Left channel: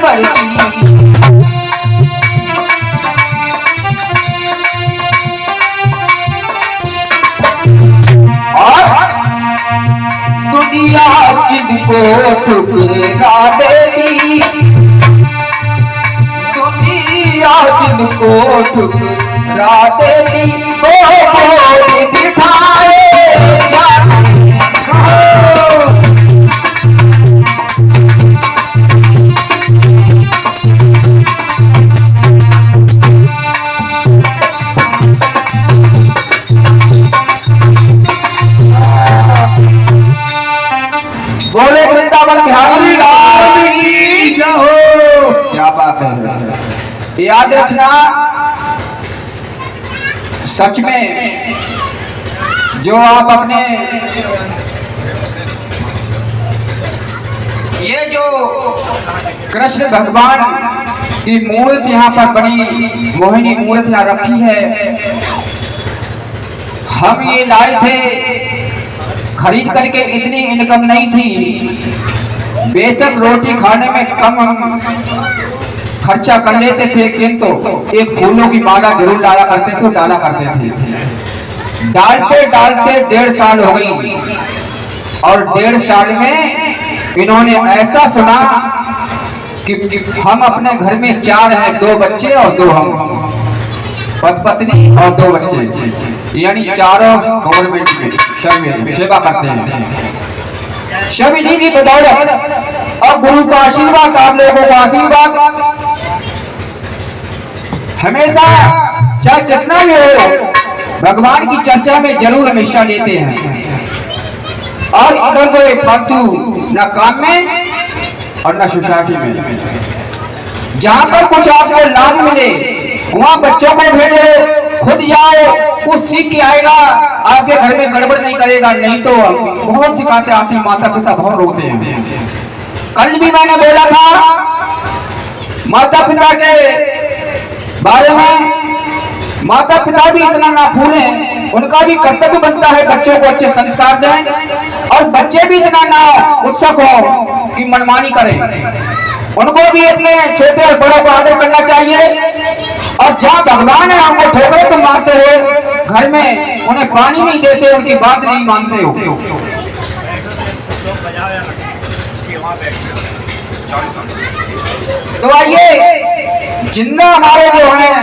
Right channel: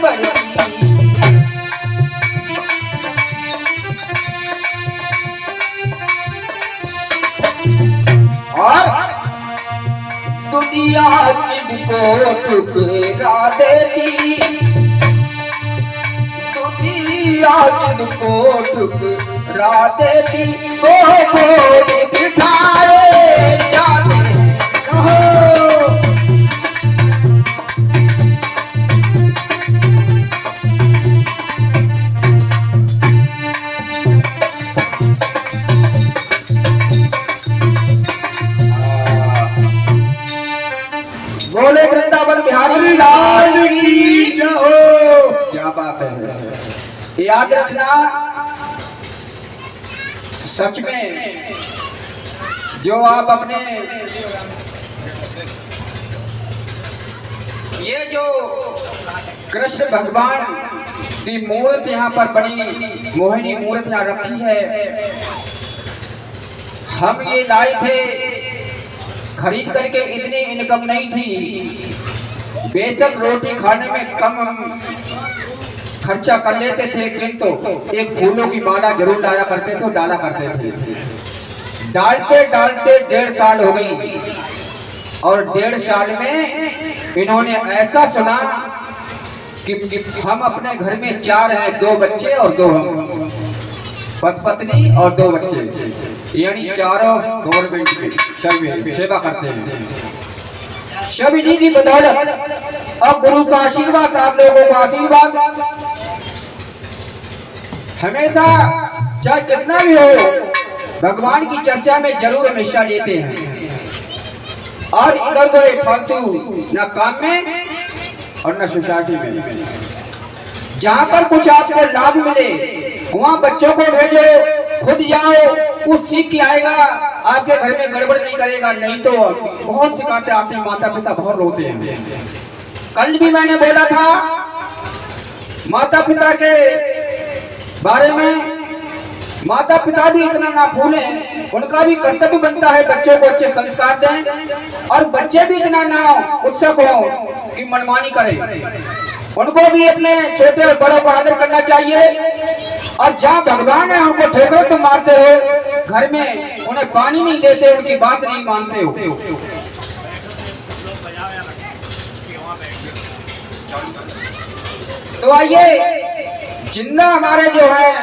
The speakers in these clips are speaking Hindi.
बढ़ती। और दुनिया जिनको ठुकरा देती, दुनिया जिनको ठुकरा देती, वो बिठाए बोले वृंदावन बिहारी लाल की जय हो। क्या बात है, याद रखना सच में जो आप अपने ये जो कृष्ण भगवान की मूर्त यहाँ पर बड़ी मोहिनी मूर्त यहाँ रखी है, हम ये लाए थे खरीद करके, इतनी इनकम नहीं थी, बेशक रोटी खाने में कम हम खर्चा कर लेते थे, किंतु एक फूलों की माला जरूर लाया करते थे, डाला करते थे। डालते डालते 1.5 साल हो गई और 1.5 साल में इन्होंने ऐसा सुना कि हम अपने घर में 4 हैं, 2 बच्चे और 2 हम, पत्नी और 2 बच्चे, यानी चारों गवर्नमेंट में सेवा करते हैं। सभी की बदौलत और गुरु का आशीर्वाद, आप लोगों का आशीर्वाद हमेशा चाहे कितना भी हो, भगवान की चर्चा में जरूर हमेशा लेते हैं। और इधर कोई फालतू न काम में और न सोसाइटी में, जहां पर कुछ आपको लाभ मिले वहां बच्चों को भेजो, खुद जाओ, कुछ सीख के आएगा, आपके घर में गड़बड़ नहीं करेगा। नहीं तो बहुत सिखाते आते हैं, माता पिता बहुत रोते हैं। कल भी मैंने बोला था माता पिता के बारे में, माता पिता भी इतना ना भूलें, उनका भी कर्तव्य बनता है बच्चों को अच्छे संस्कार दें, और बच्चे भी इतना ना उत्सुक हो कि मनमानी करें, उनको भी अपने छोटे और बड़ों को आदर करना चाहिए। और जहाँ भगवान है हमको ठोकरे तो मारते हो, घर में उन्हें पानी नहीं देते, उनकी बात नहीं मानते हो। तो आइए, जिन्ना हमारे जो हैं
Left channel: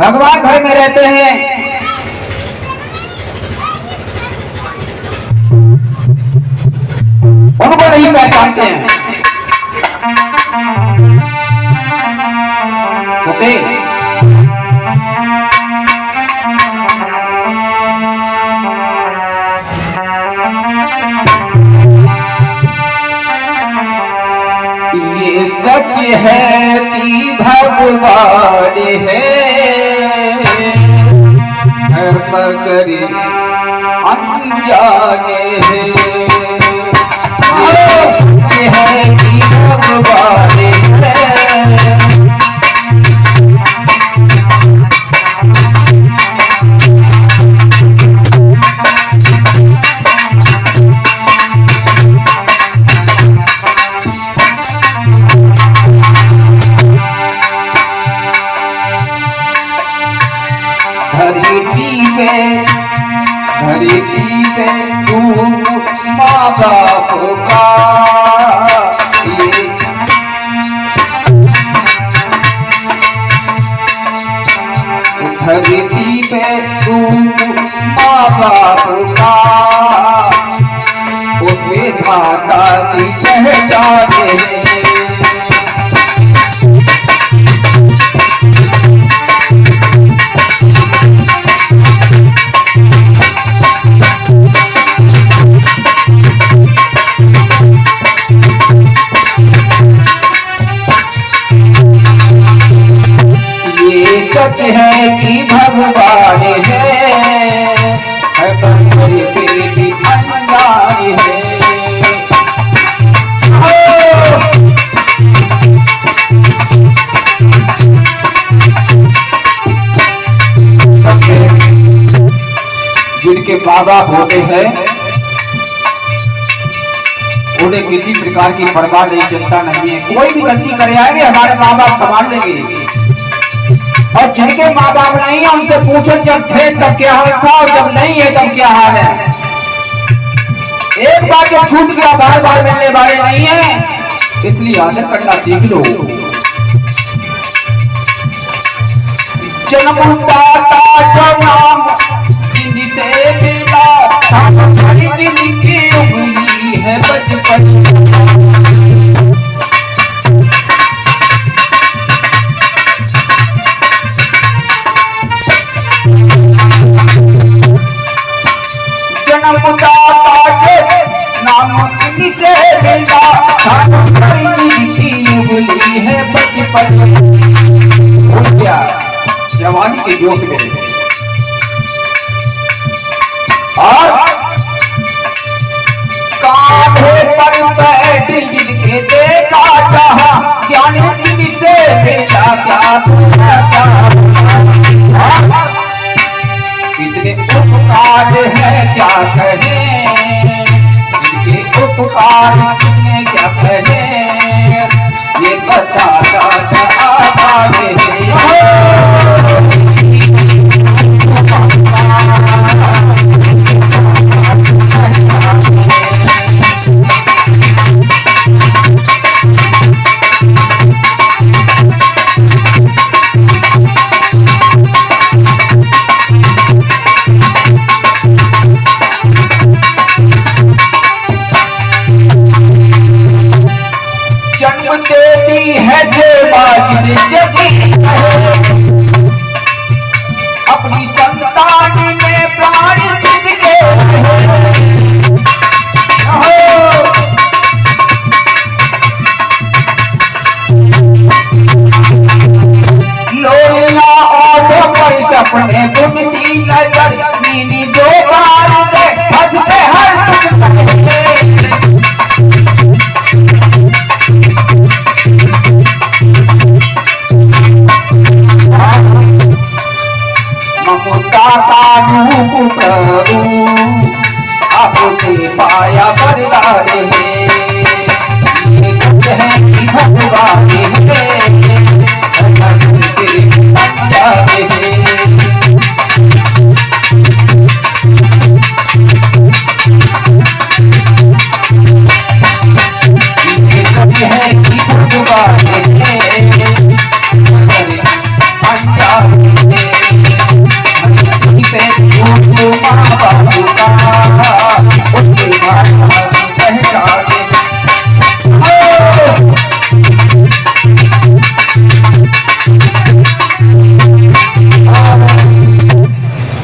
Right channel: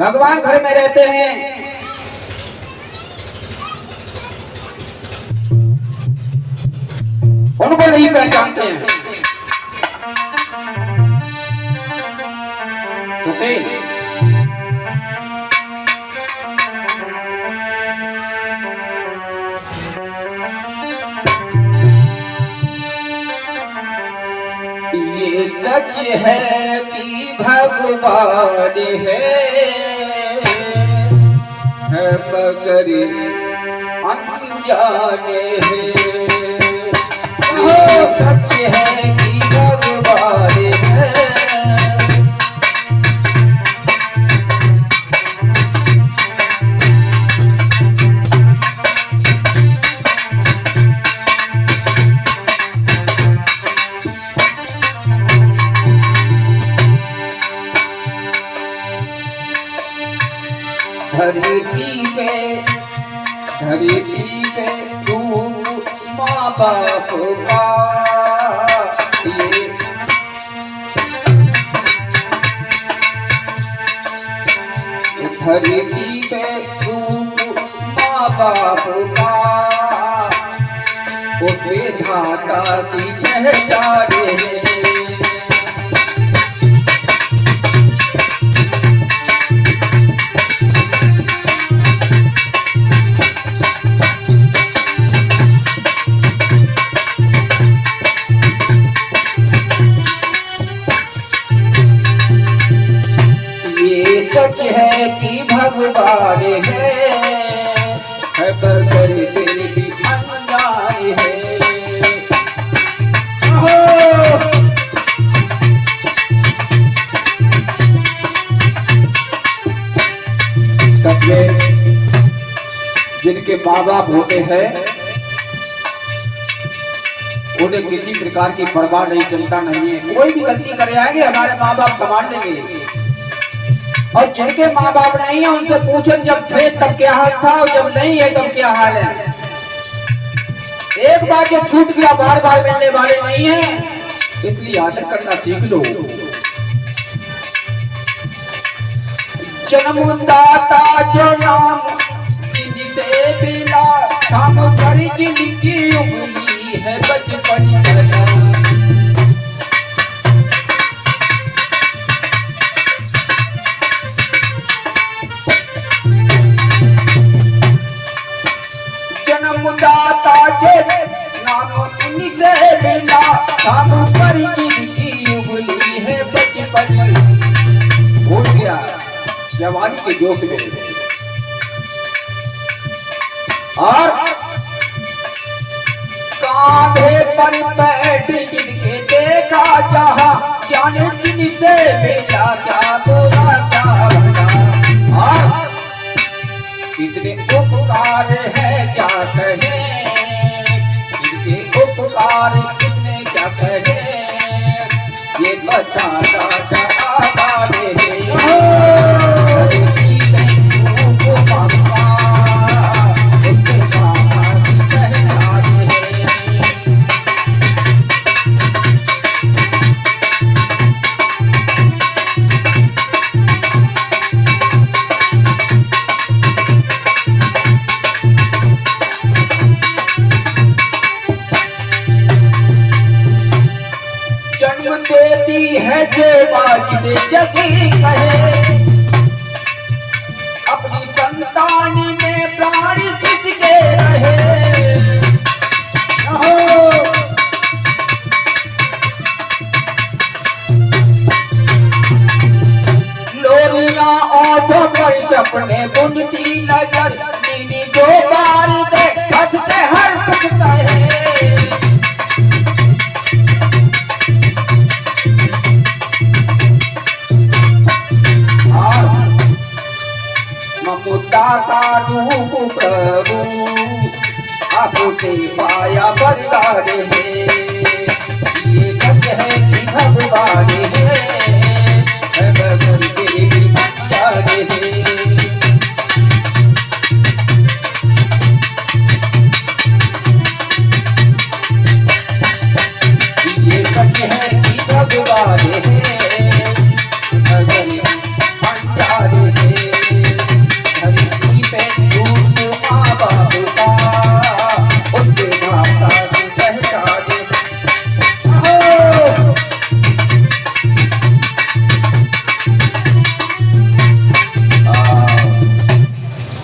भगवान घर में रहते हैं, उनको नहीं पहचानते हैं। ससे ये सच है कि भगवान है मगर अनजाने हैं। ये सच है कि भगवान है, धरती पे तू माँ बाप का धरती पे तू माँ बाप का उसमें माता की पहचान है। सच है कि भगवान है मगर फिर भी अनजान है। जिनके माँ बाप होते हैं उन्हें किसी प्रकार की परवाह नहीं, चिंता नहीं है। कोई भी गलती करे आएंगे हमारे माँ बाप संभाल लेंगे। और जिनके माँ बाप नहीं है उनसे पूछो जब थे तब क्या हाल था और जब नहीं है तब क्या हाल है। एक बार जब छूट गया बार बार मिलने वाले नहीं है, इसलिए आदर करना सीख लो। जन्मदाता जो नाम जिनसे मिला था, हमारी दिल की उंगली है बचपन। जवानी के जोश में और कांधे पर बैठ जिनके देखा चाहा, ज्ञान जिनसे बेटा क्या बोला क्या। कितने उपकार है क्या कहें, इनके उपकार कितने क्या कहें, ये बताना चाहता है। देती है जिसे जगी अपनी संतान में प्राण जिसके लोरिया ऑटो पर सपने बुनती नजर, नीली दो बार हंसते हर आपसे पाया बरदार है, ये सच है कि भगवान है,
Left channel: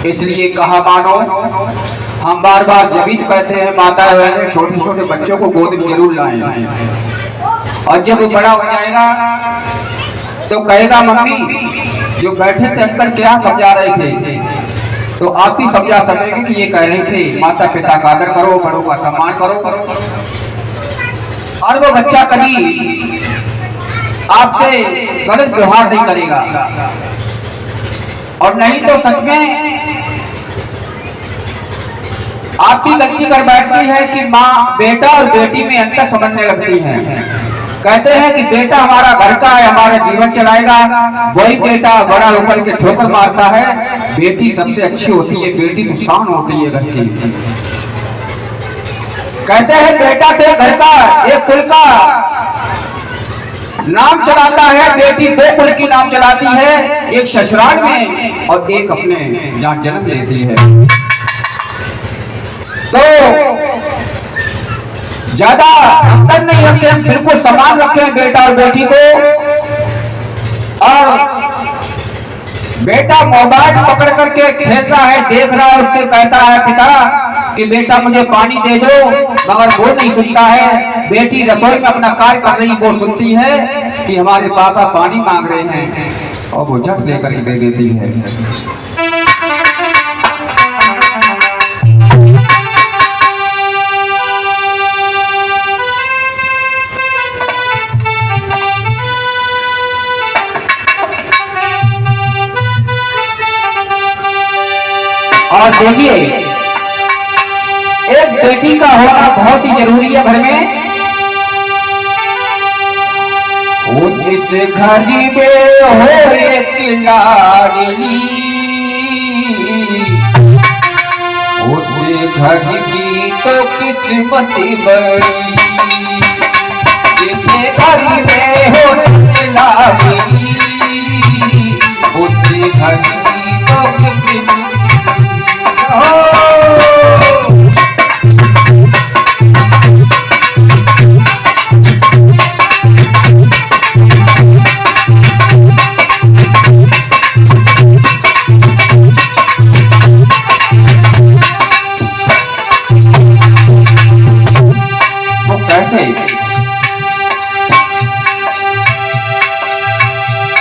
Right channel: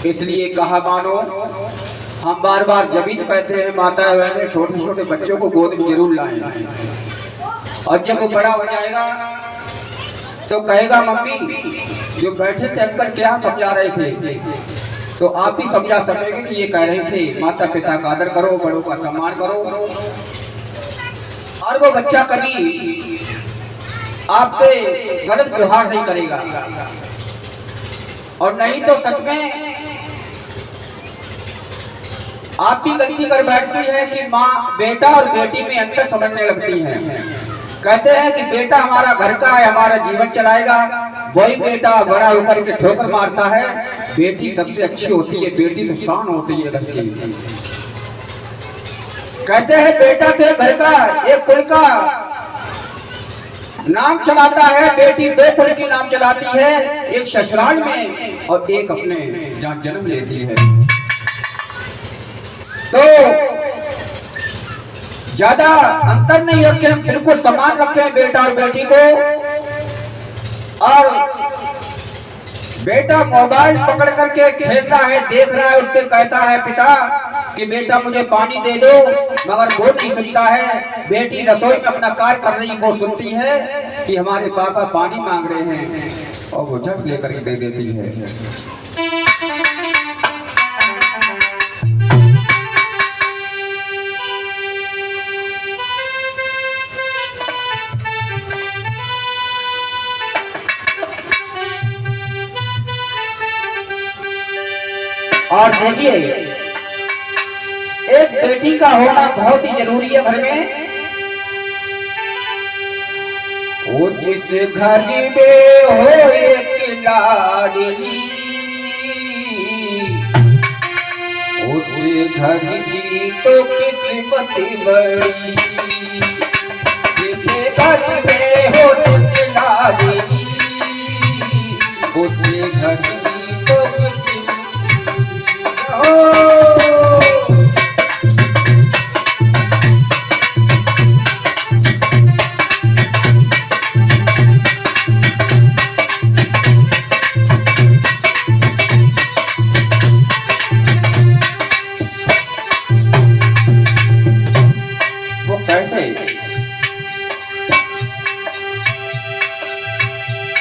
इसलिए कहा मानो हम बार बार जब भी कहते हैं माता बहन छोटे छोटे बच्चों को गोद में जरूर लाएं, और जब वो बड़ा हो जाएगा तो कहेगा मम्मी जो बैठे थे अंकल क्या समझा रहे थे, तो आप भी समझा सकेंगे कि ये कह रहे थे माता पिता का आदर करो, बड़ों का सम्मान करो। और वो बच्चा कभी आपसे गलत व्यवहार नहीं करेगा। और नहीं तो सच में आप भी गलती कर बैठती है कि माँ बेटा और बेटी में अंतर समझने लगती है। कहते हैं कि बेटा हमारा घर का है, हमारा जीवन चलाएगा, वही बेटा बड़ा होकर के ठोकर मारता है। बेटी सबसे अच्छी होती है, बेटी तो शान होती है घर की। कहते हैं बेटा तो घर का एक कुल का नाम चलाता है, बेटी दो कुल की नाम चलाती है, एक ससुराल में और एक अपने जहाँ जन्म लेती है। तो ज्यादा अंतर नहीं रखे, हम बिल्कुल समान रखे बेटा और बेटी को। और बेटा मोबाइल पकड़ करके खेलता है, देख रहा है, उससे कहता है पिता कि बेटा मुझे पानी दे दो, मगर वो नहीं सुनता है। बेटी रसोई में अपना कार्य कर रही, वो सुनती है कि हमारे पापा पानी मांग रहे हैं, और वो झट लेकर ही दे देती है। और देखिए एक बेटी का होना बहुत ही जरूरी है घर में। इस घर में हो एक लाडली, उस घर की तो किस्मत बड़ी। इस घर में हो एक लाडली, उस घर की तो किस्मत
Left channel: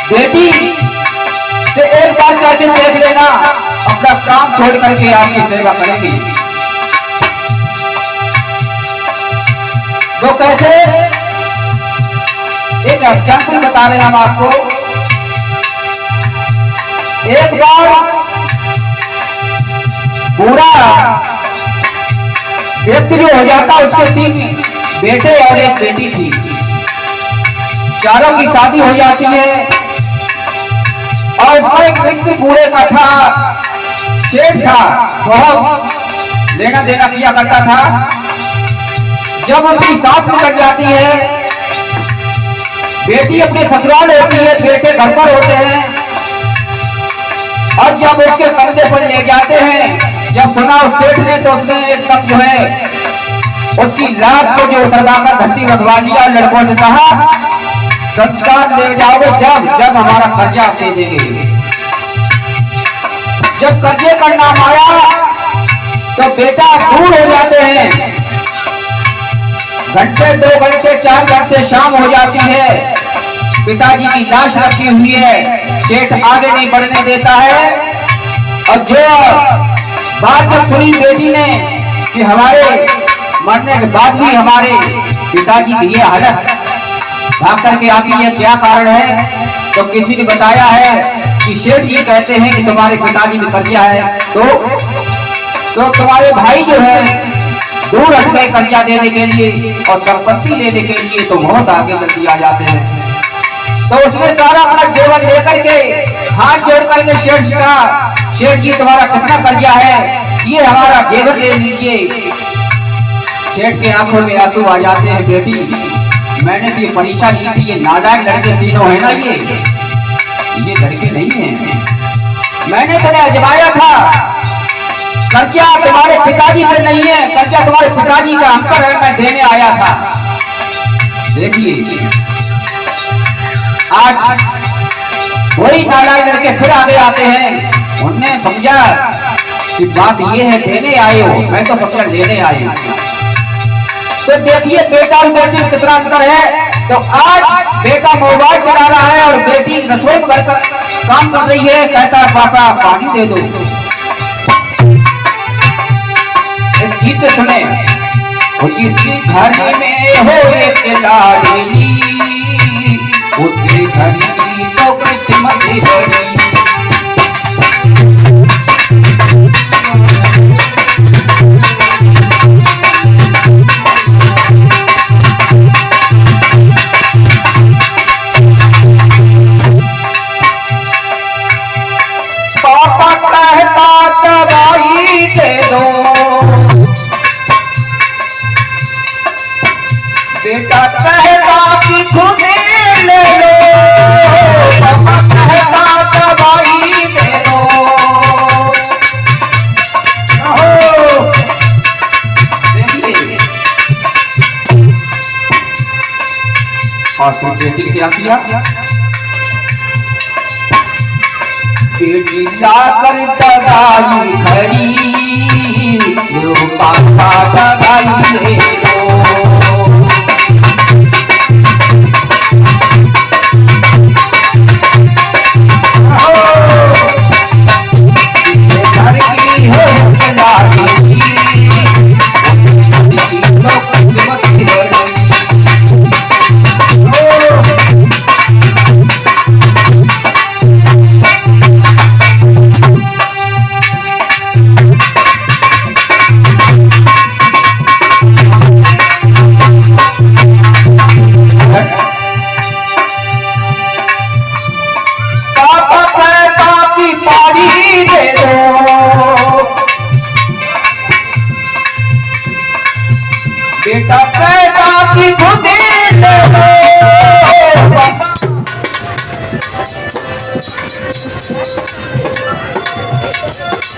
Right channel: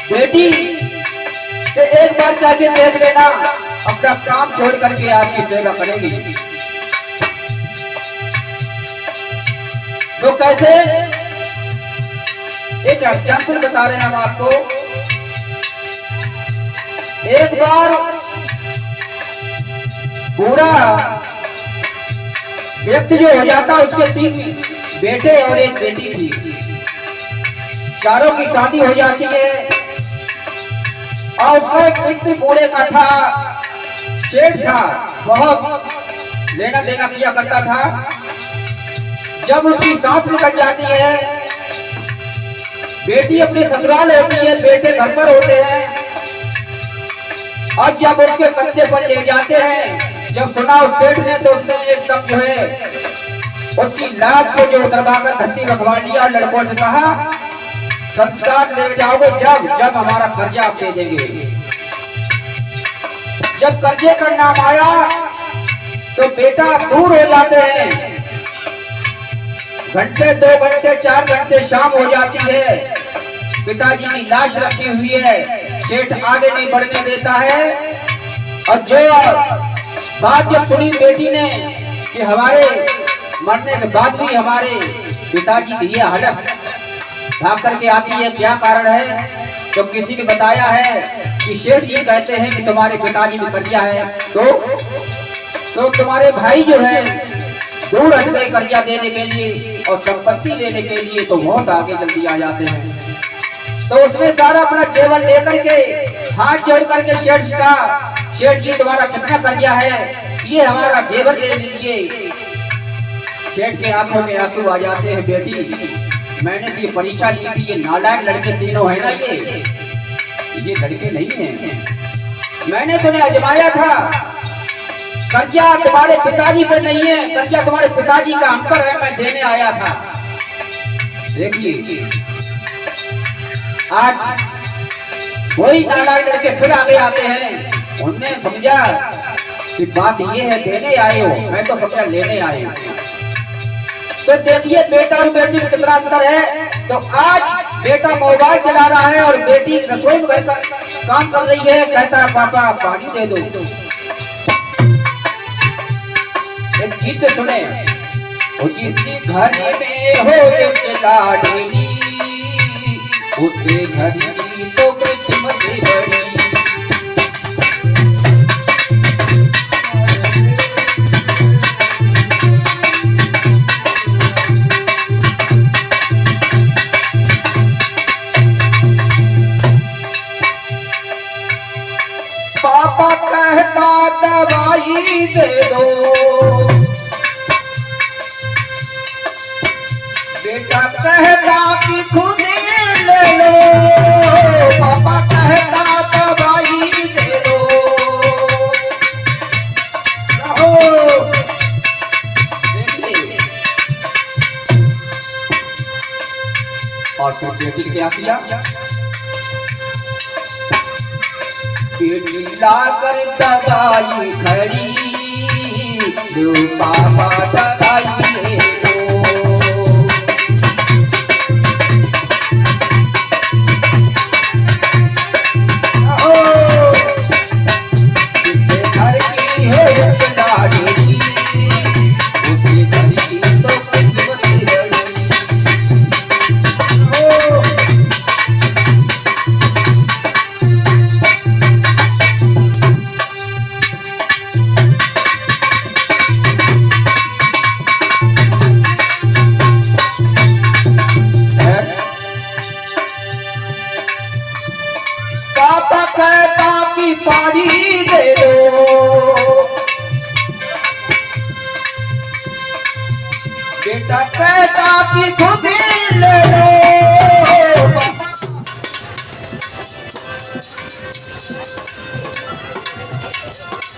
बेटी से एक बार करके देख लेना, अपना काम छोड़ करके आपकी सेवा करेंगी। वो कैसे, एक एग्जाम्पल बता रहे हैं हम आपको। एक बार पूरा व्यक्ति जो हो जाता, उसके 3 बेटे और 1 बेटी थी। चारों की शादी हो जाती है और उसका एक व्यक्ति बूढ़े का था, शेठ था, बहुत लेना देना किया करता था। जब उसकी सास निकल जाती है, बेटी अपने ससुराल होती है, बेटे घर पर होते हैं, और जब उसके कंधे पर ले जाते हैं, जब सुना उस सेठ ने, तो उसने एकदम जो है उसकी लाश को जो उतरवाकर धरती रखवा लिया और लड़कों से कहा, संस्कार ले जाओगे जब हमारा कर्जा आप दे देंगे। जब कर्जे का नाम आया तो बेटा दूर हो जाते हैं, घंटे 2 घंटे 4 घंटे शाम हो जाती है, पिताजी की लाश रखी हुई है, सेठ आगे नहीं बढ़ने देता है। और जो बात जब सुनी बेटी ने कि हमारे मरने के बाद भी हमारे पिताजी की ये हालत, भाग करके आती है, क्या कारण है? तो किसी ने बताया है कि सेठ जी कहते हैं कि तुम्हारे पिताजी में कर्जा है, तो तुम्हारे भाई जो है दूर हट गए कर्जा देने के लिए और संपत्ति लेने के लिए, तो बहुत आगे जल्दी आ जाते हैं। तो उसने सारा अपना जेवर लेकर के हाथ जोड़ करके सेठ जी का, सेठ जी तुम्हारा कितना कर्जा है, ये हमारा जेवर ले लीजिए। सेठ के आंखों में आंसू आ जाते हैं, बेटी मैंने तो ये परीक्षा ली थी, ये नालायक लड़के तीनों है ना, ये लड़के नहीं है, मैंने तो आजमाया था, कर्जा तुम्हारे पिताजी पे नहीं है, कर्जा तुम्हारे पिताजी का हम पर है, मैं देने आया था। देखिए आज वही नालायक लड़के फिर आगे आते हैं, उन्होंने समझा कि बात ये है देने आए हो, मैं तो समझा लेने आए हो। तो देखिए बेटा और बेटी में कितना अंतर है। तो आज बेटा मोबाइल चला रहा है और बेटी रसोई में काम कर रही है, कहता है पापा पानी दे दो। इस गीत से सुने, जिसके घर में हो एक लाडली, उसके घर की तो किस्मत बड़ी। बेटा कहता कि खुद ले लो, पापा कहता दवाई दे दो। और फिर बेटी क्या किया, बेटी लाकर दवाई खड़ी, जो पापा दवाई दे दो।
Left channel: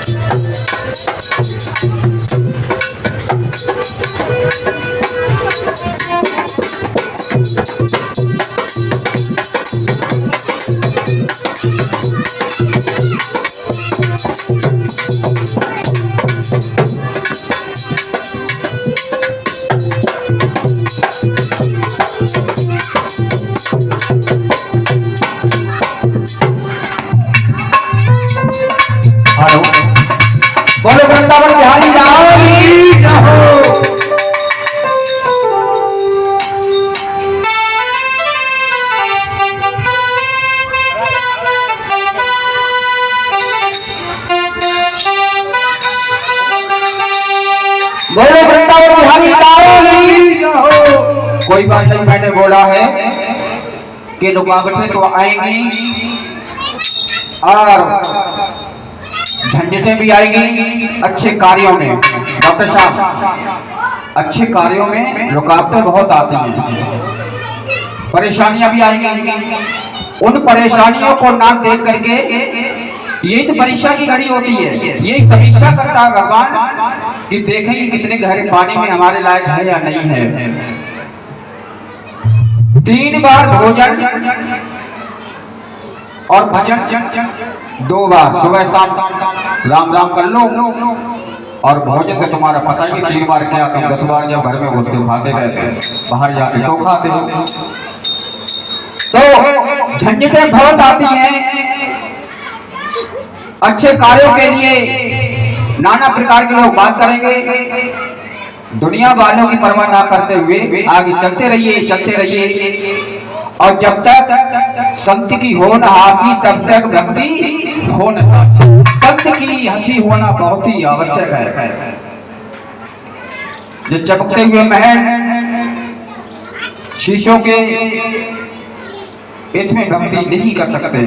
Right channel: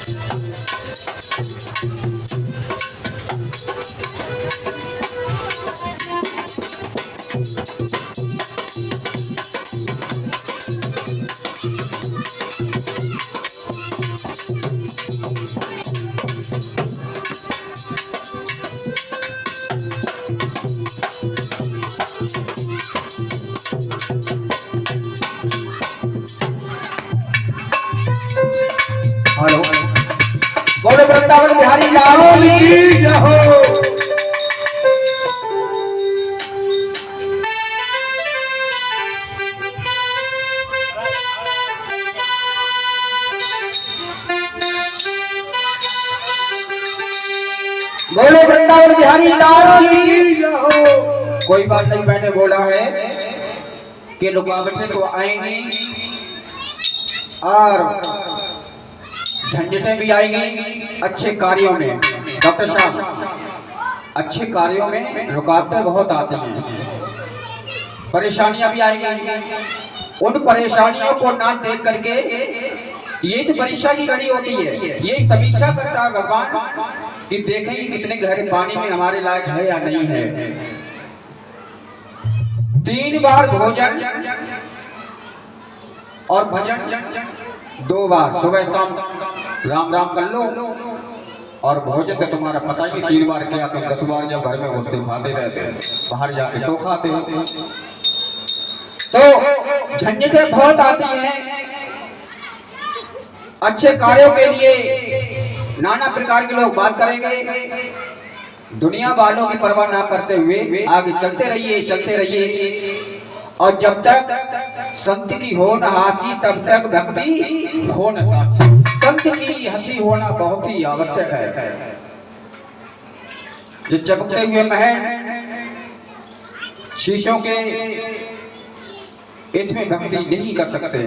हेलो, बोलो वृंदावन बिहारी जाओ। बोलो वृंदावन बिहारी जाओ। कोई बात नहीं, मैंने बोला है कि रुकावटें तो आएंगी और झंझटें भी आएंगी अच्छे कार्यों में। डॉक्टर साहब, अच्छे कार्यों में रुकावटें बहुत आती हैं, परेशानियां भी आएंगी। उन परेशानियों को ना देख करके, यही तो परीक्षा की घड़ी होती है, यही समीक्षा करता है भगवान कि देखेंगे कितने गहरे पानी में हमारे लायक है या नहीं है। 3 बार भोजन और भजन 2 बार, सुबह शाम राम राम कर लो। और भोजन का तुम्हारा पता ही 3 बार क्या, तुम 10 बार जब घर में घुसते खाते रहते, बाहर जाके तो खाते हो। तो झंझटें बहुत आती हैं। अच्छे कार्यों के लिए नाना प्रकार के लोग बात करेंगे। दुनिया वालों की परवाह ना करते हुए आगे चलते रहिए। और जब तक संत की हो न हासी, तब तक भक्ति हो न साची। संत की हंसी होना बहुत ही आवश्यक है। ये चमकते हुए महल शीशों के, इसमें भक्ति नहीं कर सकते,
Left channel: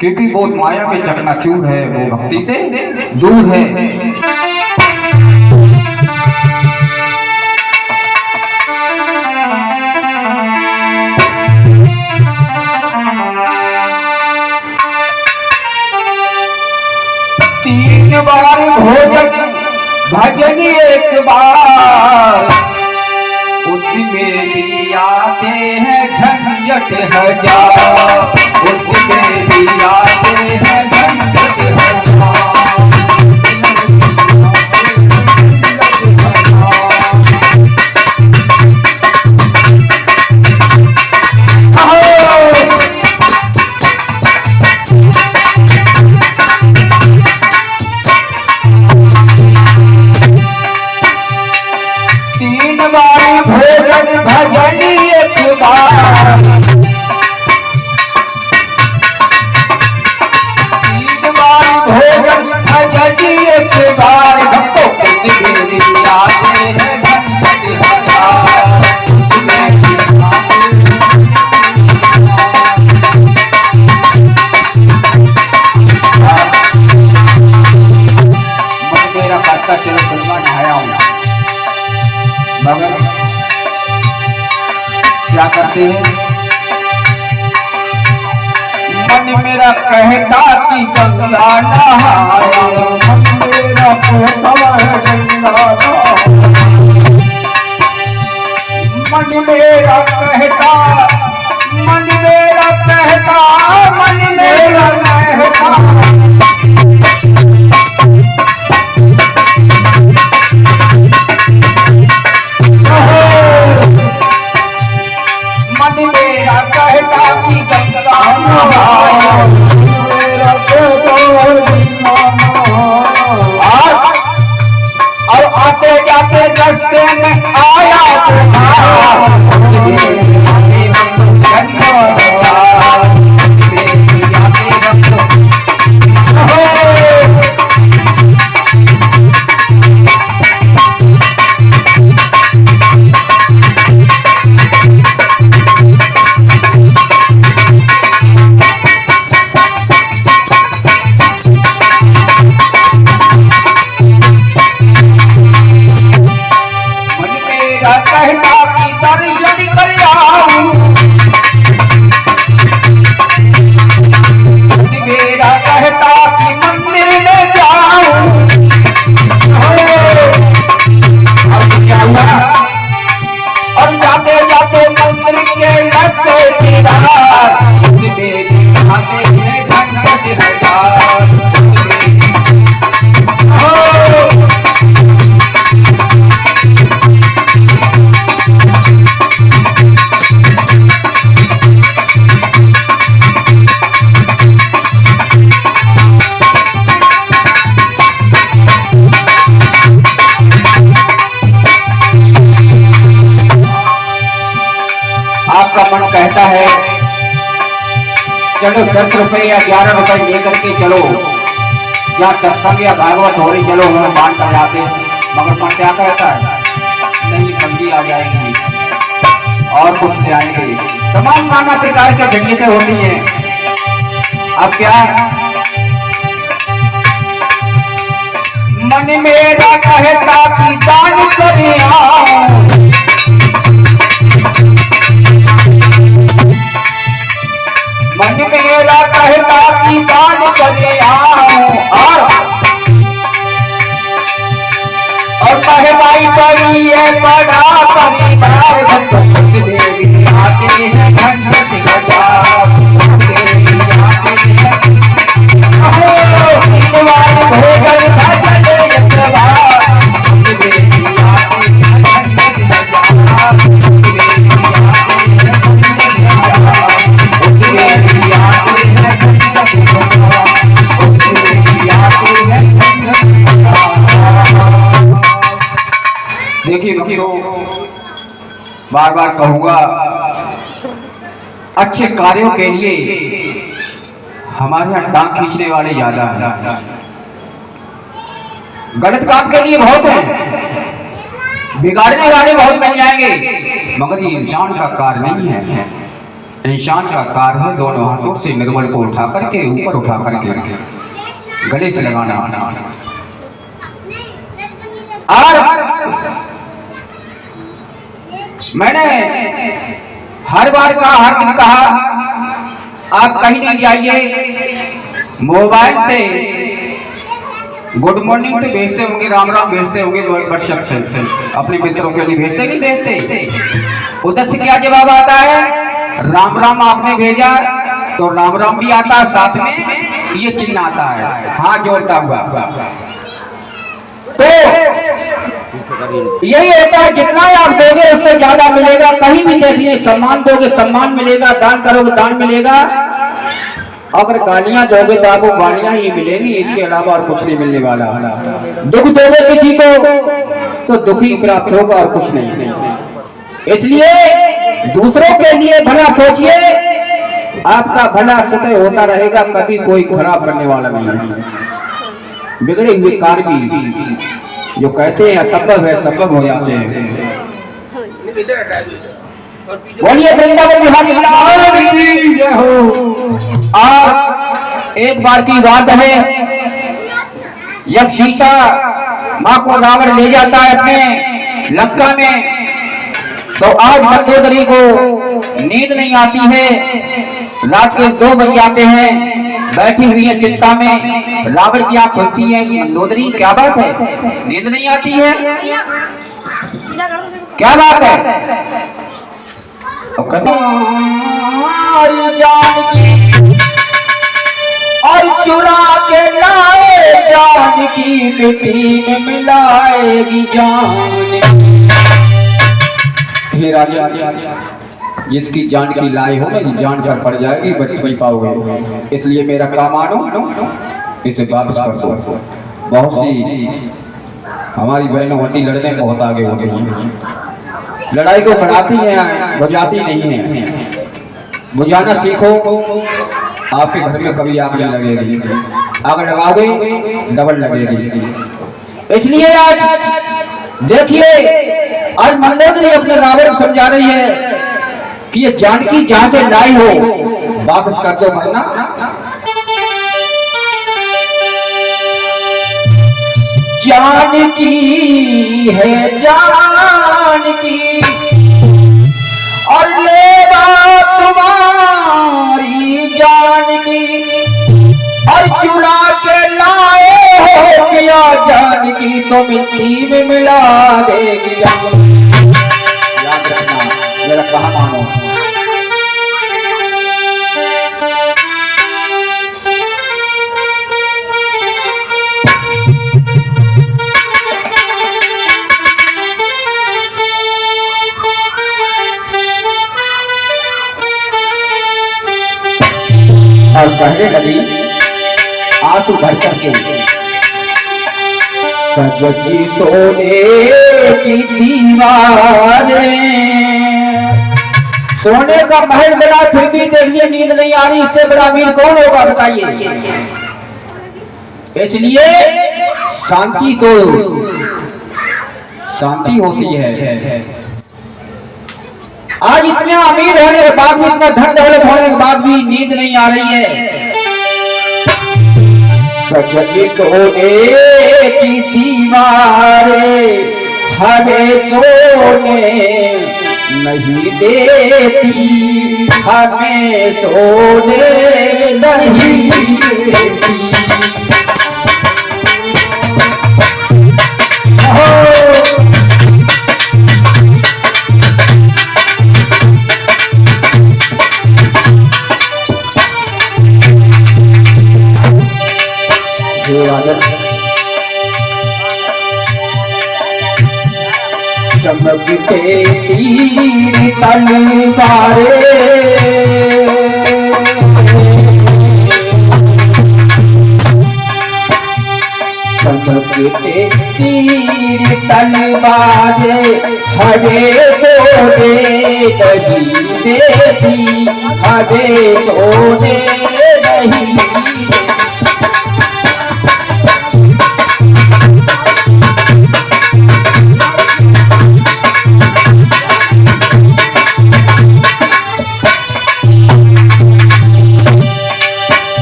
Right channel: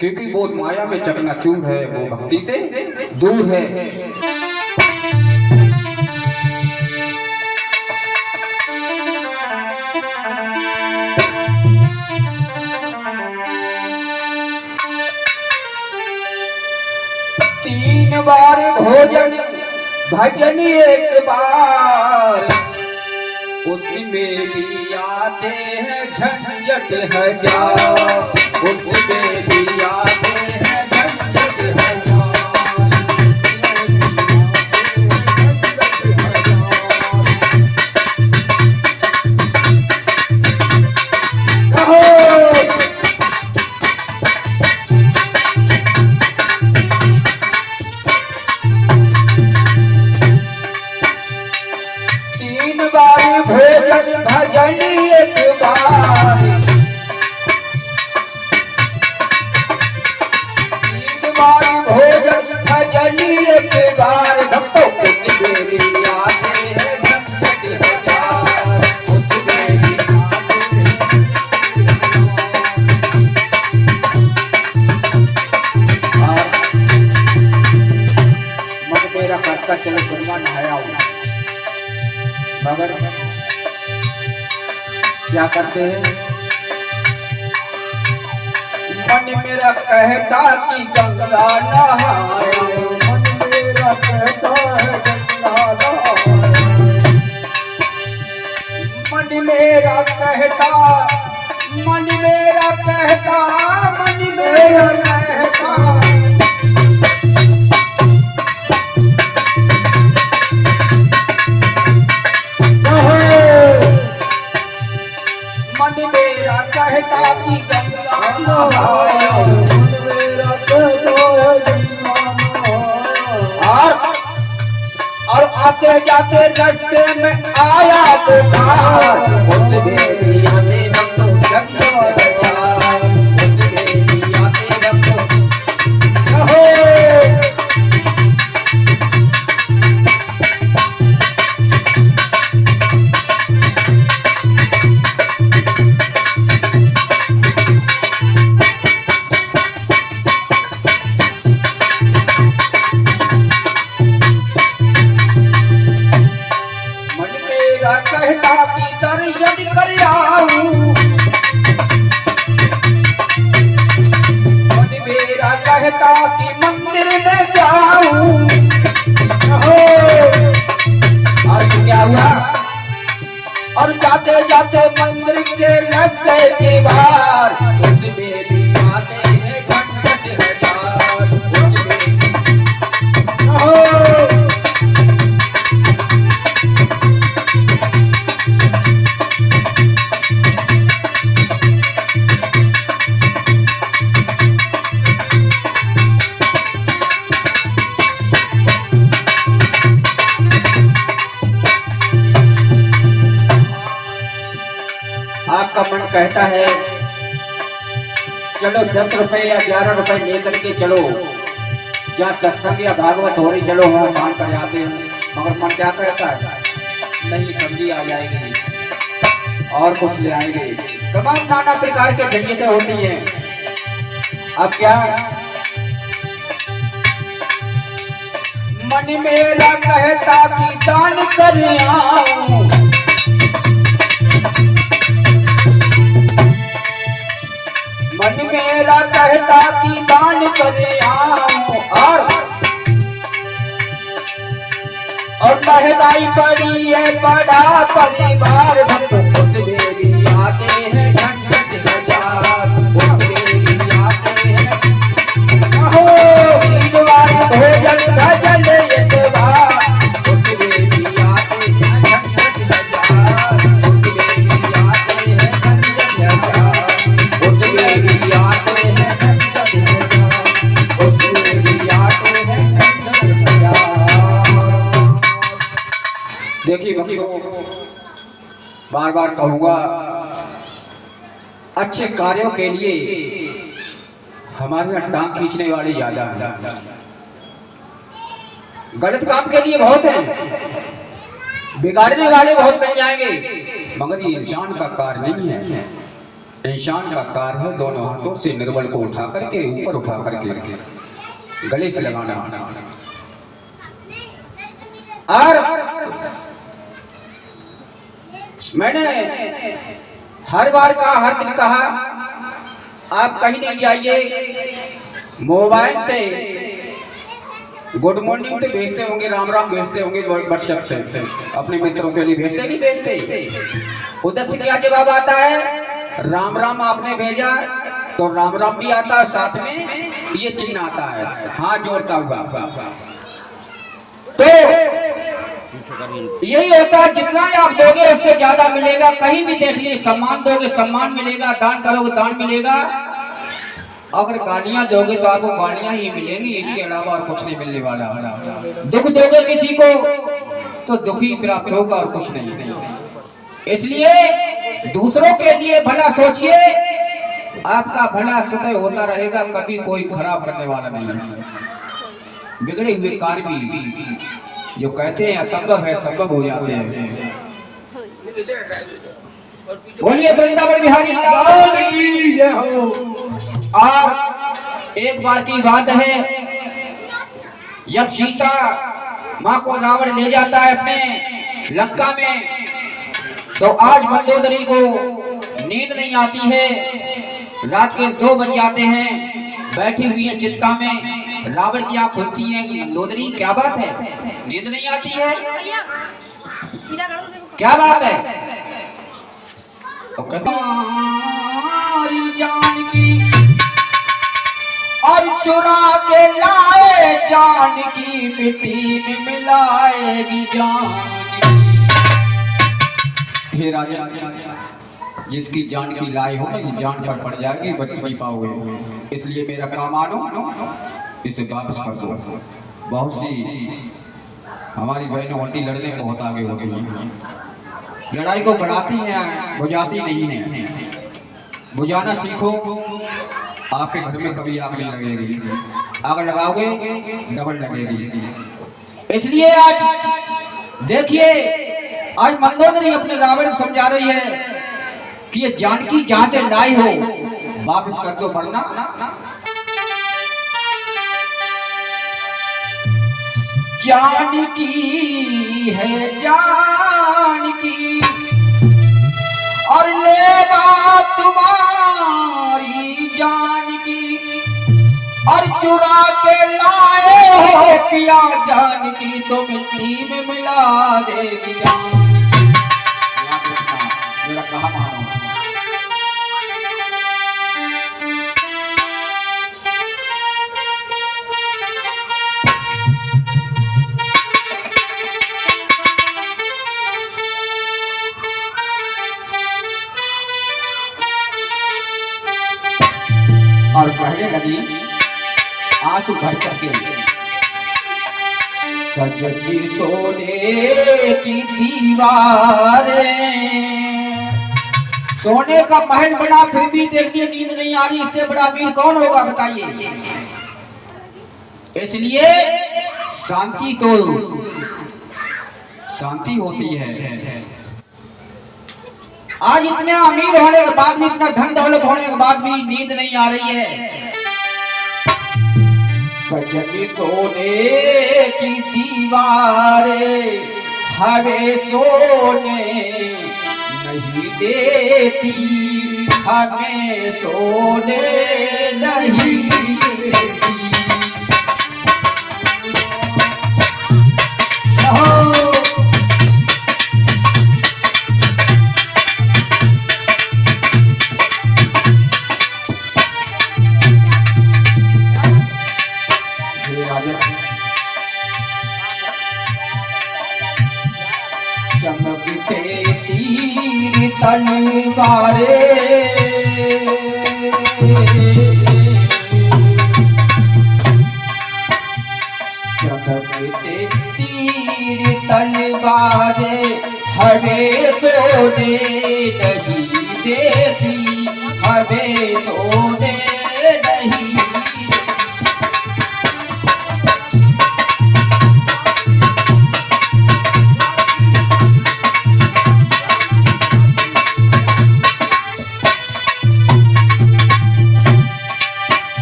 क्योंकि वो माया में चकनाचूर है, वो भक्ति से दूर है। तीन बार भोजन भजन 1 बार, उसमें भी आते हैं झंझट हजार, उसमें भी आते हैं झंझट हजार। क्या करते हैं, मन मेरा कहता कि गंगा नहाया, मन मेरा कहता है गंगा नहाया, मन मेरा कहता, मन मेरा कहता, मन मेरा कहता। कहता कि गंगा नहाया, मेरा कहता है गंगा चलो 10 रुपए या 11 रुपए लेकर के चलो, जहाँ सत्संग या भागवत हो रही चलो उन्हें बांट कर जाते। मगर पर क्या कहता है, नहीं सब्जी आ जाएगी और कुछ ले आएंगे, तमाम नाना प्रकार के झंझटें होती हैं। अब क्या मन मेरा कहता कि दान करिया, मन मेरा कहता कि दान करिया, और महंगाई पड़ी है बड़ा परिवार, आते हैं झंझट हजार, भोजन भजन देखिए भक्तों, बार बार कहूंगा, अच्छे कार्यों के लिए हमारे यहाँ टांग खींचने वाले ज्यादा हैं, गलत काम के लिए बहुत हैं, बिगाड़ने वाले बहुत मिल जाएंगे, मगर ये इंसान का कार्य नहीं है। इंसान का कार्य है दोनों हाथों से निर्मल को उठा करके ऊपर उठा करके गले से लगाना। और मैंने हर बार कहा, हर दिन कहा, आप कहीं नहीं जाइए, मोबाइल से गुड मॉर्निंग तो भेजते होंगे, राम राम भेजते होंगे, व्हाट्सएप से अपने मित्रों के लिए भेजते नहीं भेजते, उधर से क्या जवाब आता है, राम राम आपने भेजा तो राम राम भी आता, साथ में ये चिन्ह आता है हाथ जोड़ता हुआ। तो यही होता है, जितना आप दोगे उससे ज्यादा मिलेगा। कहीं भी देख लिए, सम्मान दोगे सम्मान मिलेगा, दान करोगे दान मिलेगा, अगर गालियां दोगे तो आपको गालियां ही मिलेंगी, इसके अलावा और कुछ नहीं मिलने वाला। दुख दोगे किसी को तो दुख ही प्राप्त होगा और कुछ नहीं। इसलिए दूसरों के लिए भला सोचिए, आपका भला सतह होता रहेगा, कभी कोई खराब करने वाला नहीं है। बिगड़े हुए कार्य भी जो कहते हैं असंभव है, संभव हो जाते हैं। बोलिए वृंदावन बिहारी लाल हो। और एक बार की बात है, जब सीता माँ को रावण ले जाता है अपने लंका में, तो आज मंदोदरी को नींद नहीं आती है, रात के 2 बज जाते हैं, बैठी हुई है चिंता में, रावण की आंख खुलती है, मंदोदरी क्या बात है, नींद नहीं आती है, क्या बात है, जानकी और चुरा के लाए जानकी, मिट्टी में मिलाएगी जानकी। हे राजा, जिसकी जान की लाए हो ना, जान पर पड़ जाएगी, बच नहीं पाओगे, इसलिए मेरा काम मानो, इसे वापस कर दो। बहुत सी हमारी बहनों होती लड़ने बहुत आगे हो गई हैं, लड़ाई को बढ़ाती हैं, बुझाती नहीं है। बुझाना सीखो, आपके घर में कभी आग नहीं लगेगी, आग लगाओगे डबल लगेगी। इसलिए आज देखिए, आज मंदोदरी अपने रावण को समझा रही है कि ये जानकी जहां से लाई हो वापस कर दो, वरना जानकी है जानकी और लेवा तुम्हारी जानकी, और चुरा के लाए हो क्या जानकी, तो मिट्टी में मिला देगी। याद रखना, मेरा कहा मानो। और कहने लगी आंसू भर करके, सजती सोने की दीवारें, सोने का महल बना फिर भी देखिए नींद नहीं आ रही, इससे बड़ा अमीर कौन होगा बताइए। इसलिए शांति तो शांति होती है। आज इतने अमीर होने के बाद भी, इतना धन दौलत होने के बाद भी नींद नहीं आ रही है। सजगी सोने की दीवारें हमें सोने नहीं देती, हमें सोने नहीं देती। चमकते तीर तलवारे, चमकते तीर तलवारे हमें सोने नहीं देती, हमें सोने नहीं देती।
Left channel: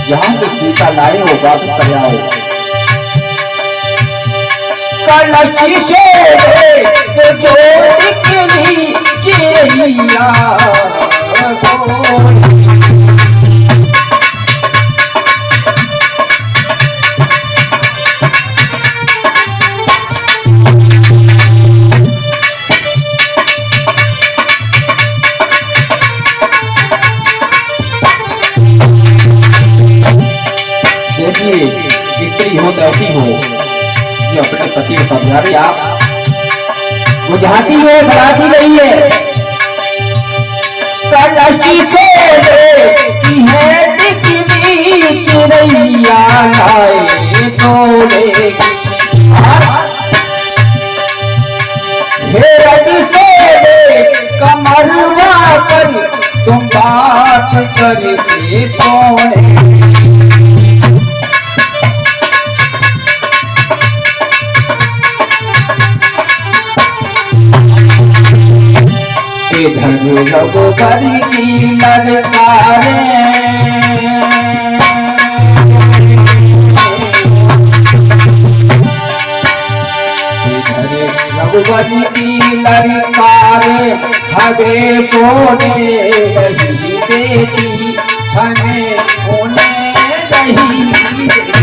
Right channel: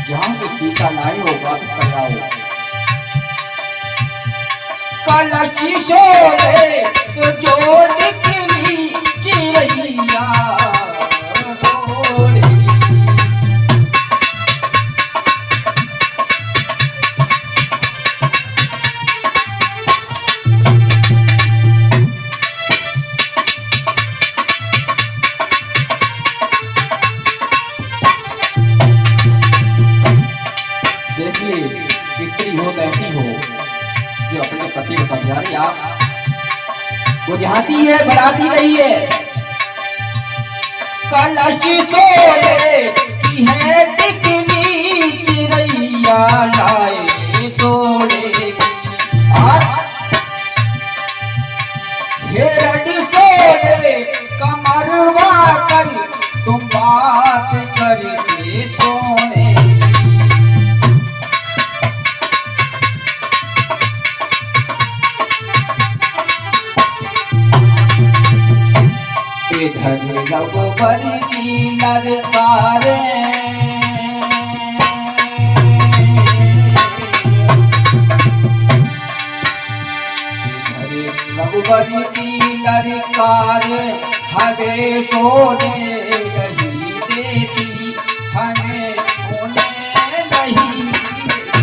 जहां से सीता लाए हो वापस कर आओ। कलशी शोले सोचो निकली चिड़िया सोने। स्त्री हो तो ऐसी हो जो अपने पति को समझा रही, आप बुझाती है, बताती नहीं है। कलशी सोने की है टिकली चिड़िया लाए सोने की, हिरण सोने कमरवा कर तुम बात करके सोने। रघुबर की ललकारे, रघुबर की ललकारे हमें सोने नहीं देती, हमें सोने नहीं देती।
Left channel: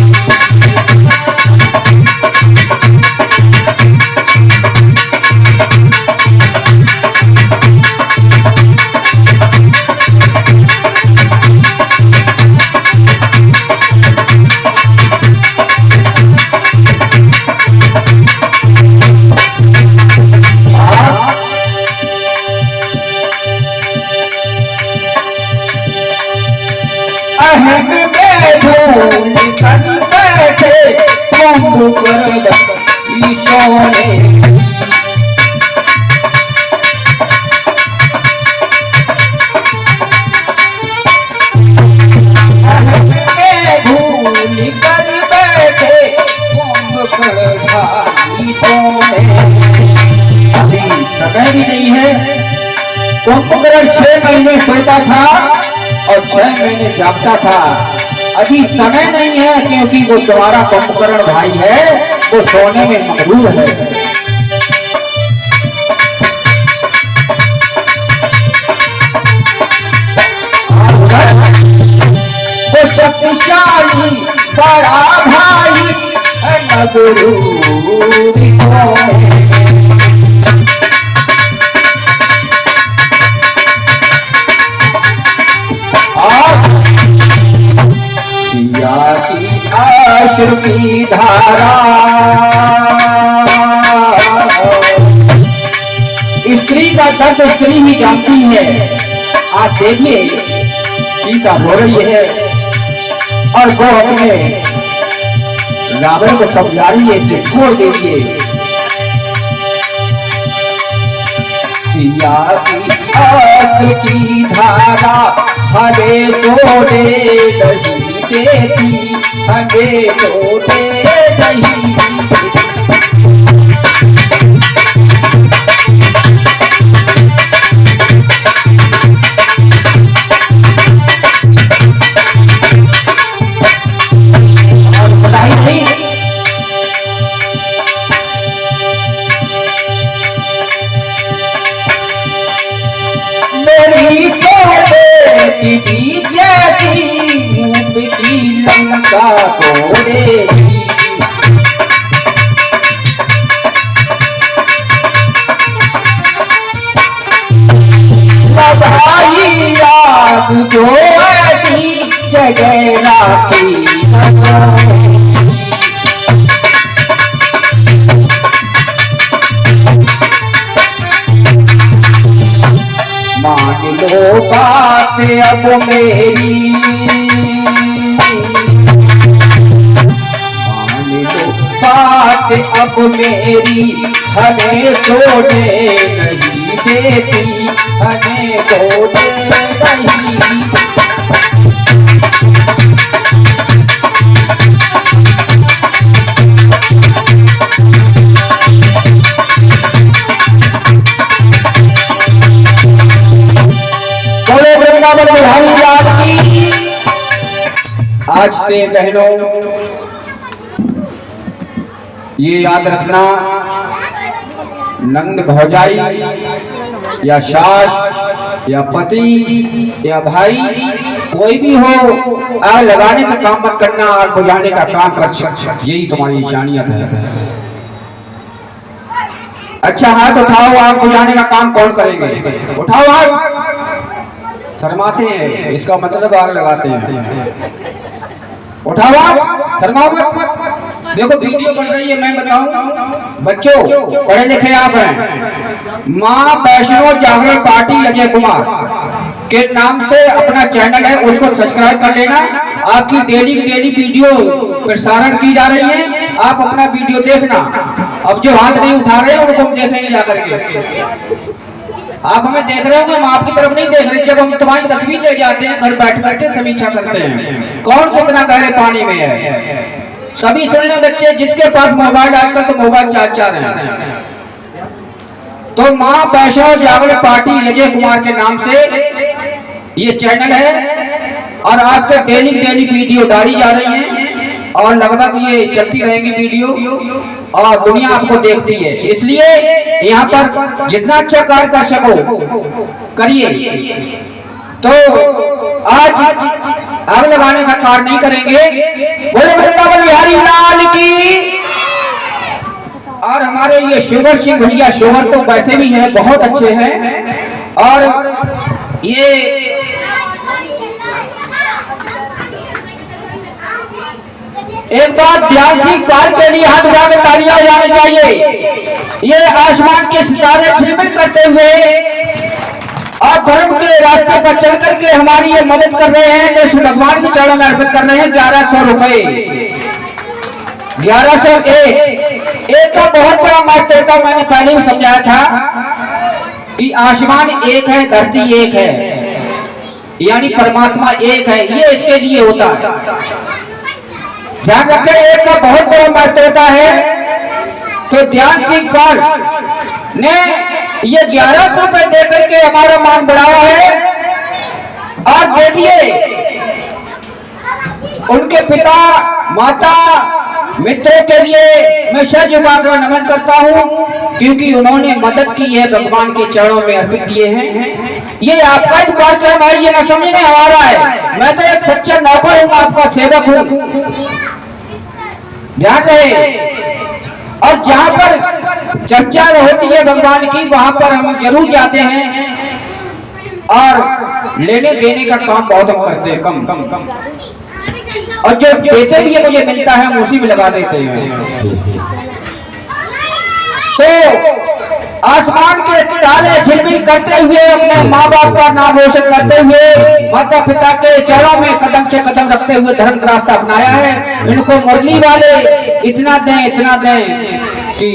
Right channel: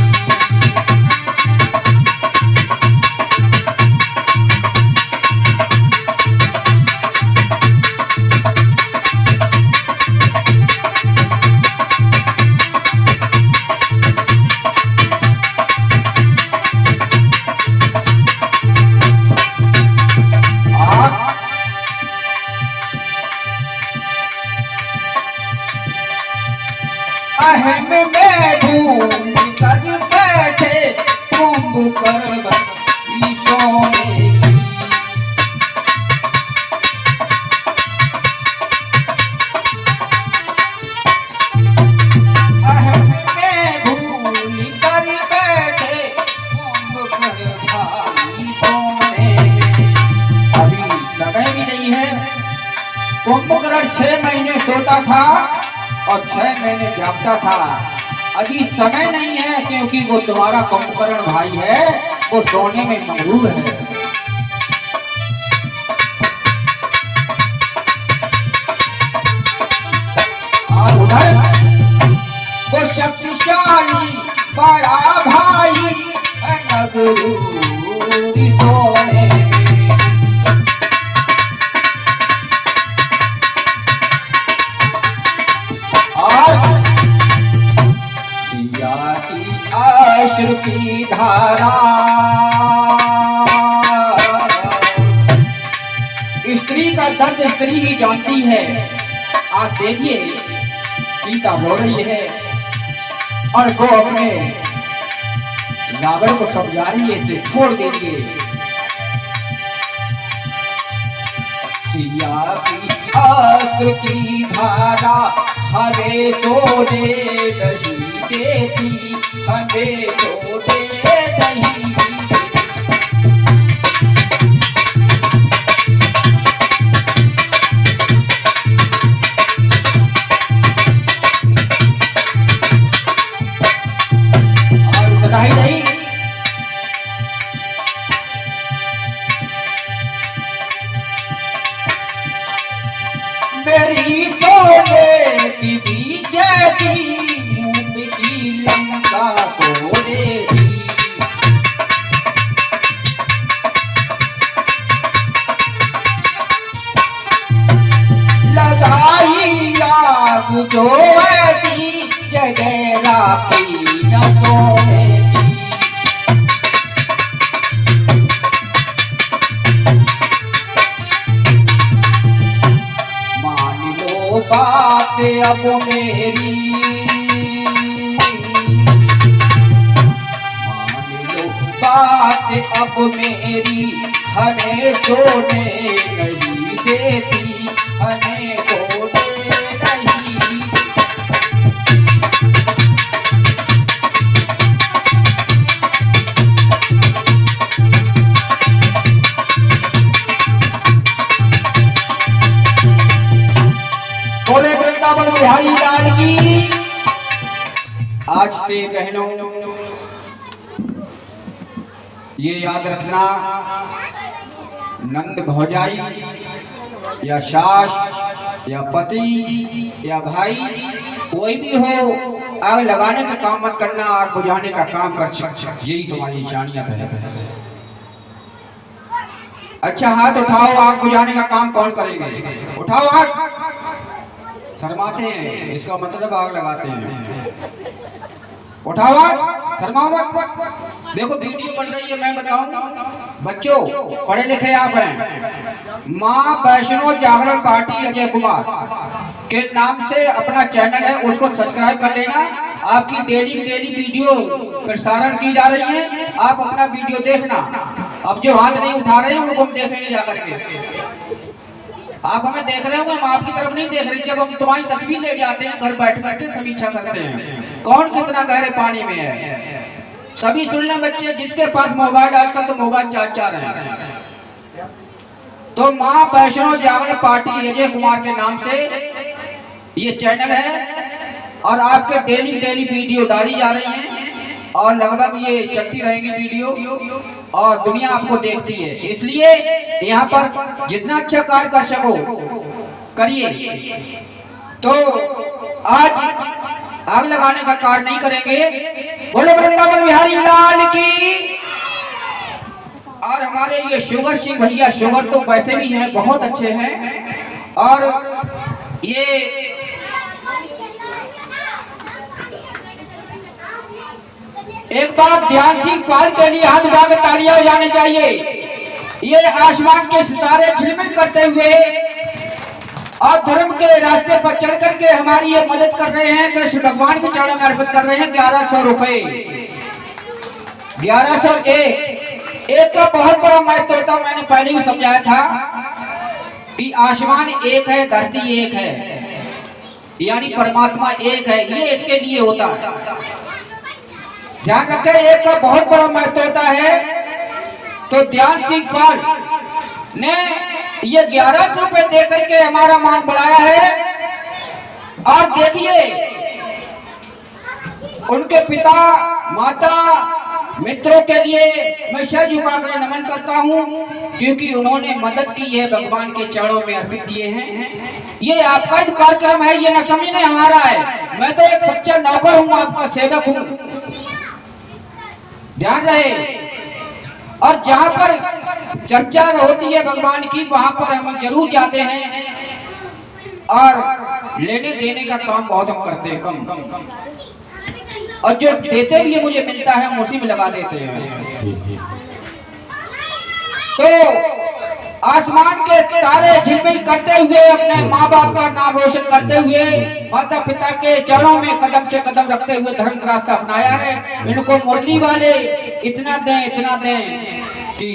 कुंभकर्ण 6 महीने सोता था और 6 महीने जागता था। अभी समय नहीं है क्योंकि वो तुम्हारा कुंभकर्ण भाई है, वो सोने में मगरूर है। वो शक्तिशाली बड़ा भाई मगरूर सोने। की आश्र की धारा स्त्री का दर्द स्त्री ही जानती है। आप देखिए सीता हो रही है और वो अपने रावण को समझा रही है, इसे छोड़ दीजिए। सिया की अस्त्र की धारा हमें सोने नहीं देती, हमें सोने नहीं देती। और बधाई नहीं, मेरी सोने की भी जैसी ऊँट की लंका तोड़ेगी। लगाई आग जो ऐसी जगह राखी न सोएगी। मान लो बात अब मेरी, मान लो बात अब मेरी, हमें सोने नहीं देती, हमें सोने नहीं। बोले वृंदावन बिहारी लाल की। आज से बहनों ये याद रखना, नंद भौजाई या सास या पति या भाई कोई भी हो, आग लगाने का काम मत करना, आग बुझाने का काम कर सकते, यही तुम्हारी इंसानियत है। अच्छा हाथ उठाओ, आग बुझाने का काम कौन करेंगे? उठाओ आग। शर्माते हैं, इसका मतलब आग लगाते हैं। उठाओ आग, शर्माओ मत। देखो वीडियो बन रही है, मैं बताऊं बच्चों, पढ़े लिखे आप हैं, माँ वैष्णो जागरण पार्टी अजय कुमार के नाम से अपना चैनल है, उसको सब्सक्राइब कर लेना। आपकी डेली वीडियो प्रसारण की जा रही है, आप अपना वीडियो देखना। अब जो हाथ नहीं उठा रहे हैं उनको हम देखेंगे जाकर के। आप हमें देख रहे होंगे, हम आपकी तरफ नहीं देख रहे। जब हम तुम्हारी तस्वीर ले जाते हैं घर बैठ करके समीक्षा करते हैं, कौन कितना गहरे पानी में है। सभी सुन लें बच्चे, जिसके पास मोबाइल, आजकल तो मोबाइल चार हैं, तो माँ वैष्णो जागरण पार्टी अजय कुमार के नाम से ये चैनल है, और आपके डेली वीडियो डाली जा रही है, और लगभग ये चलती रहेंगी वीडियो, और दुनिया आपको देखती है। इसलिए यहाँ पर जितना अच्छा कार्य कर सको करिए। तो आज आग लगाने का कार्य नहीं करेंगे। बोले वृंदावन बिहारी लाल की। और हमारे ये शुगर सिंह भैया, शुगर तो वैसे भी हैं, बहुत अच्छे हैं, और ये एक बात ध्यान से पार के लिए हाथ उठा के तालियां बजानी चाहिए। ये आसमान के सितारे झिलमिल करते हुए और धर्म के रास्ते पर चल करके हमारी ये मदद कर रहे हैं, कृष्ण भगवान के चरणों में अर्पित कर रहे हैं 1100 रुपए। 1101 एक का बहुत बड़ा महत्व होता, मैंने पहले भी समझाया था कि आसमान एक है, धरती एक है, यानी परमात्मा एक है, ये इसके लिए होता है। ध्यान रखें, एक का बहुत बड़ा महत्व होता है। तो ध्यान सिंह पाल ने ये 1100 रुपए देकर के हमारा मान बढ़ाया है। और देखिए उनके पिता माता मित्रों के लिए मैं सर झुकाकर नमन करता हूं, क्योंकि उन्होंने मदद की है, भगवान के चरणों में अर्पित किए हैं। ये आपका ही कार्यक्रम है, ये न समझने हमारा है। मैं तो एक सच्चा नौकर हूं, आपका सेवक हूं, ध्यान रहे। और जहां पर चर्चा होती है भगवान की, वहां पर हम जरूर जाते हैं, और लेने देने का काम बहुत हम करते हैं, कम। और जो देते भी है मुझे मिलता है, हम उसी में लगा देते हैं। तो आसमान के तारे झिलमिल करते हुए, अपने माँ बाप का नाम रोशन करते हुए, माता पिता के चरणों में कदम से कदम रखते हुए धर्म का रास्ता अपनाया है। इनको मुरली वाले इतना दें कि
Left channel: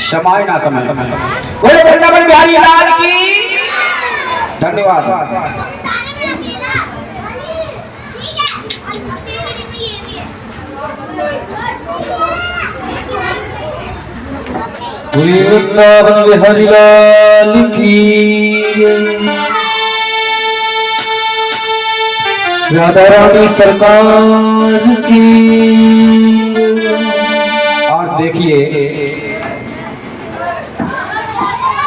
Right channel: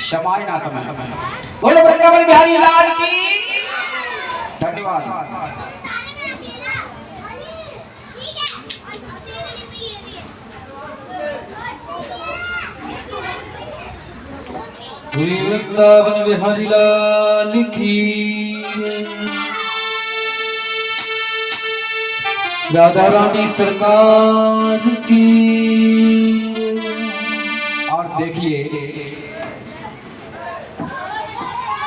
समय ना समय। बोले वृंदावन बिहारी लाल की धन्यवाद। वृंदावन बिहारी लाल की, राधा रानी सरकार की। और देखिए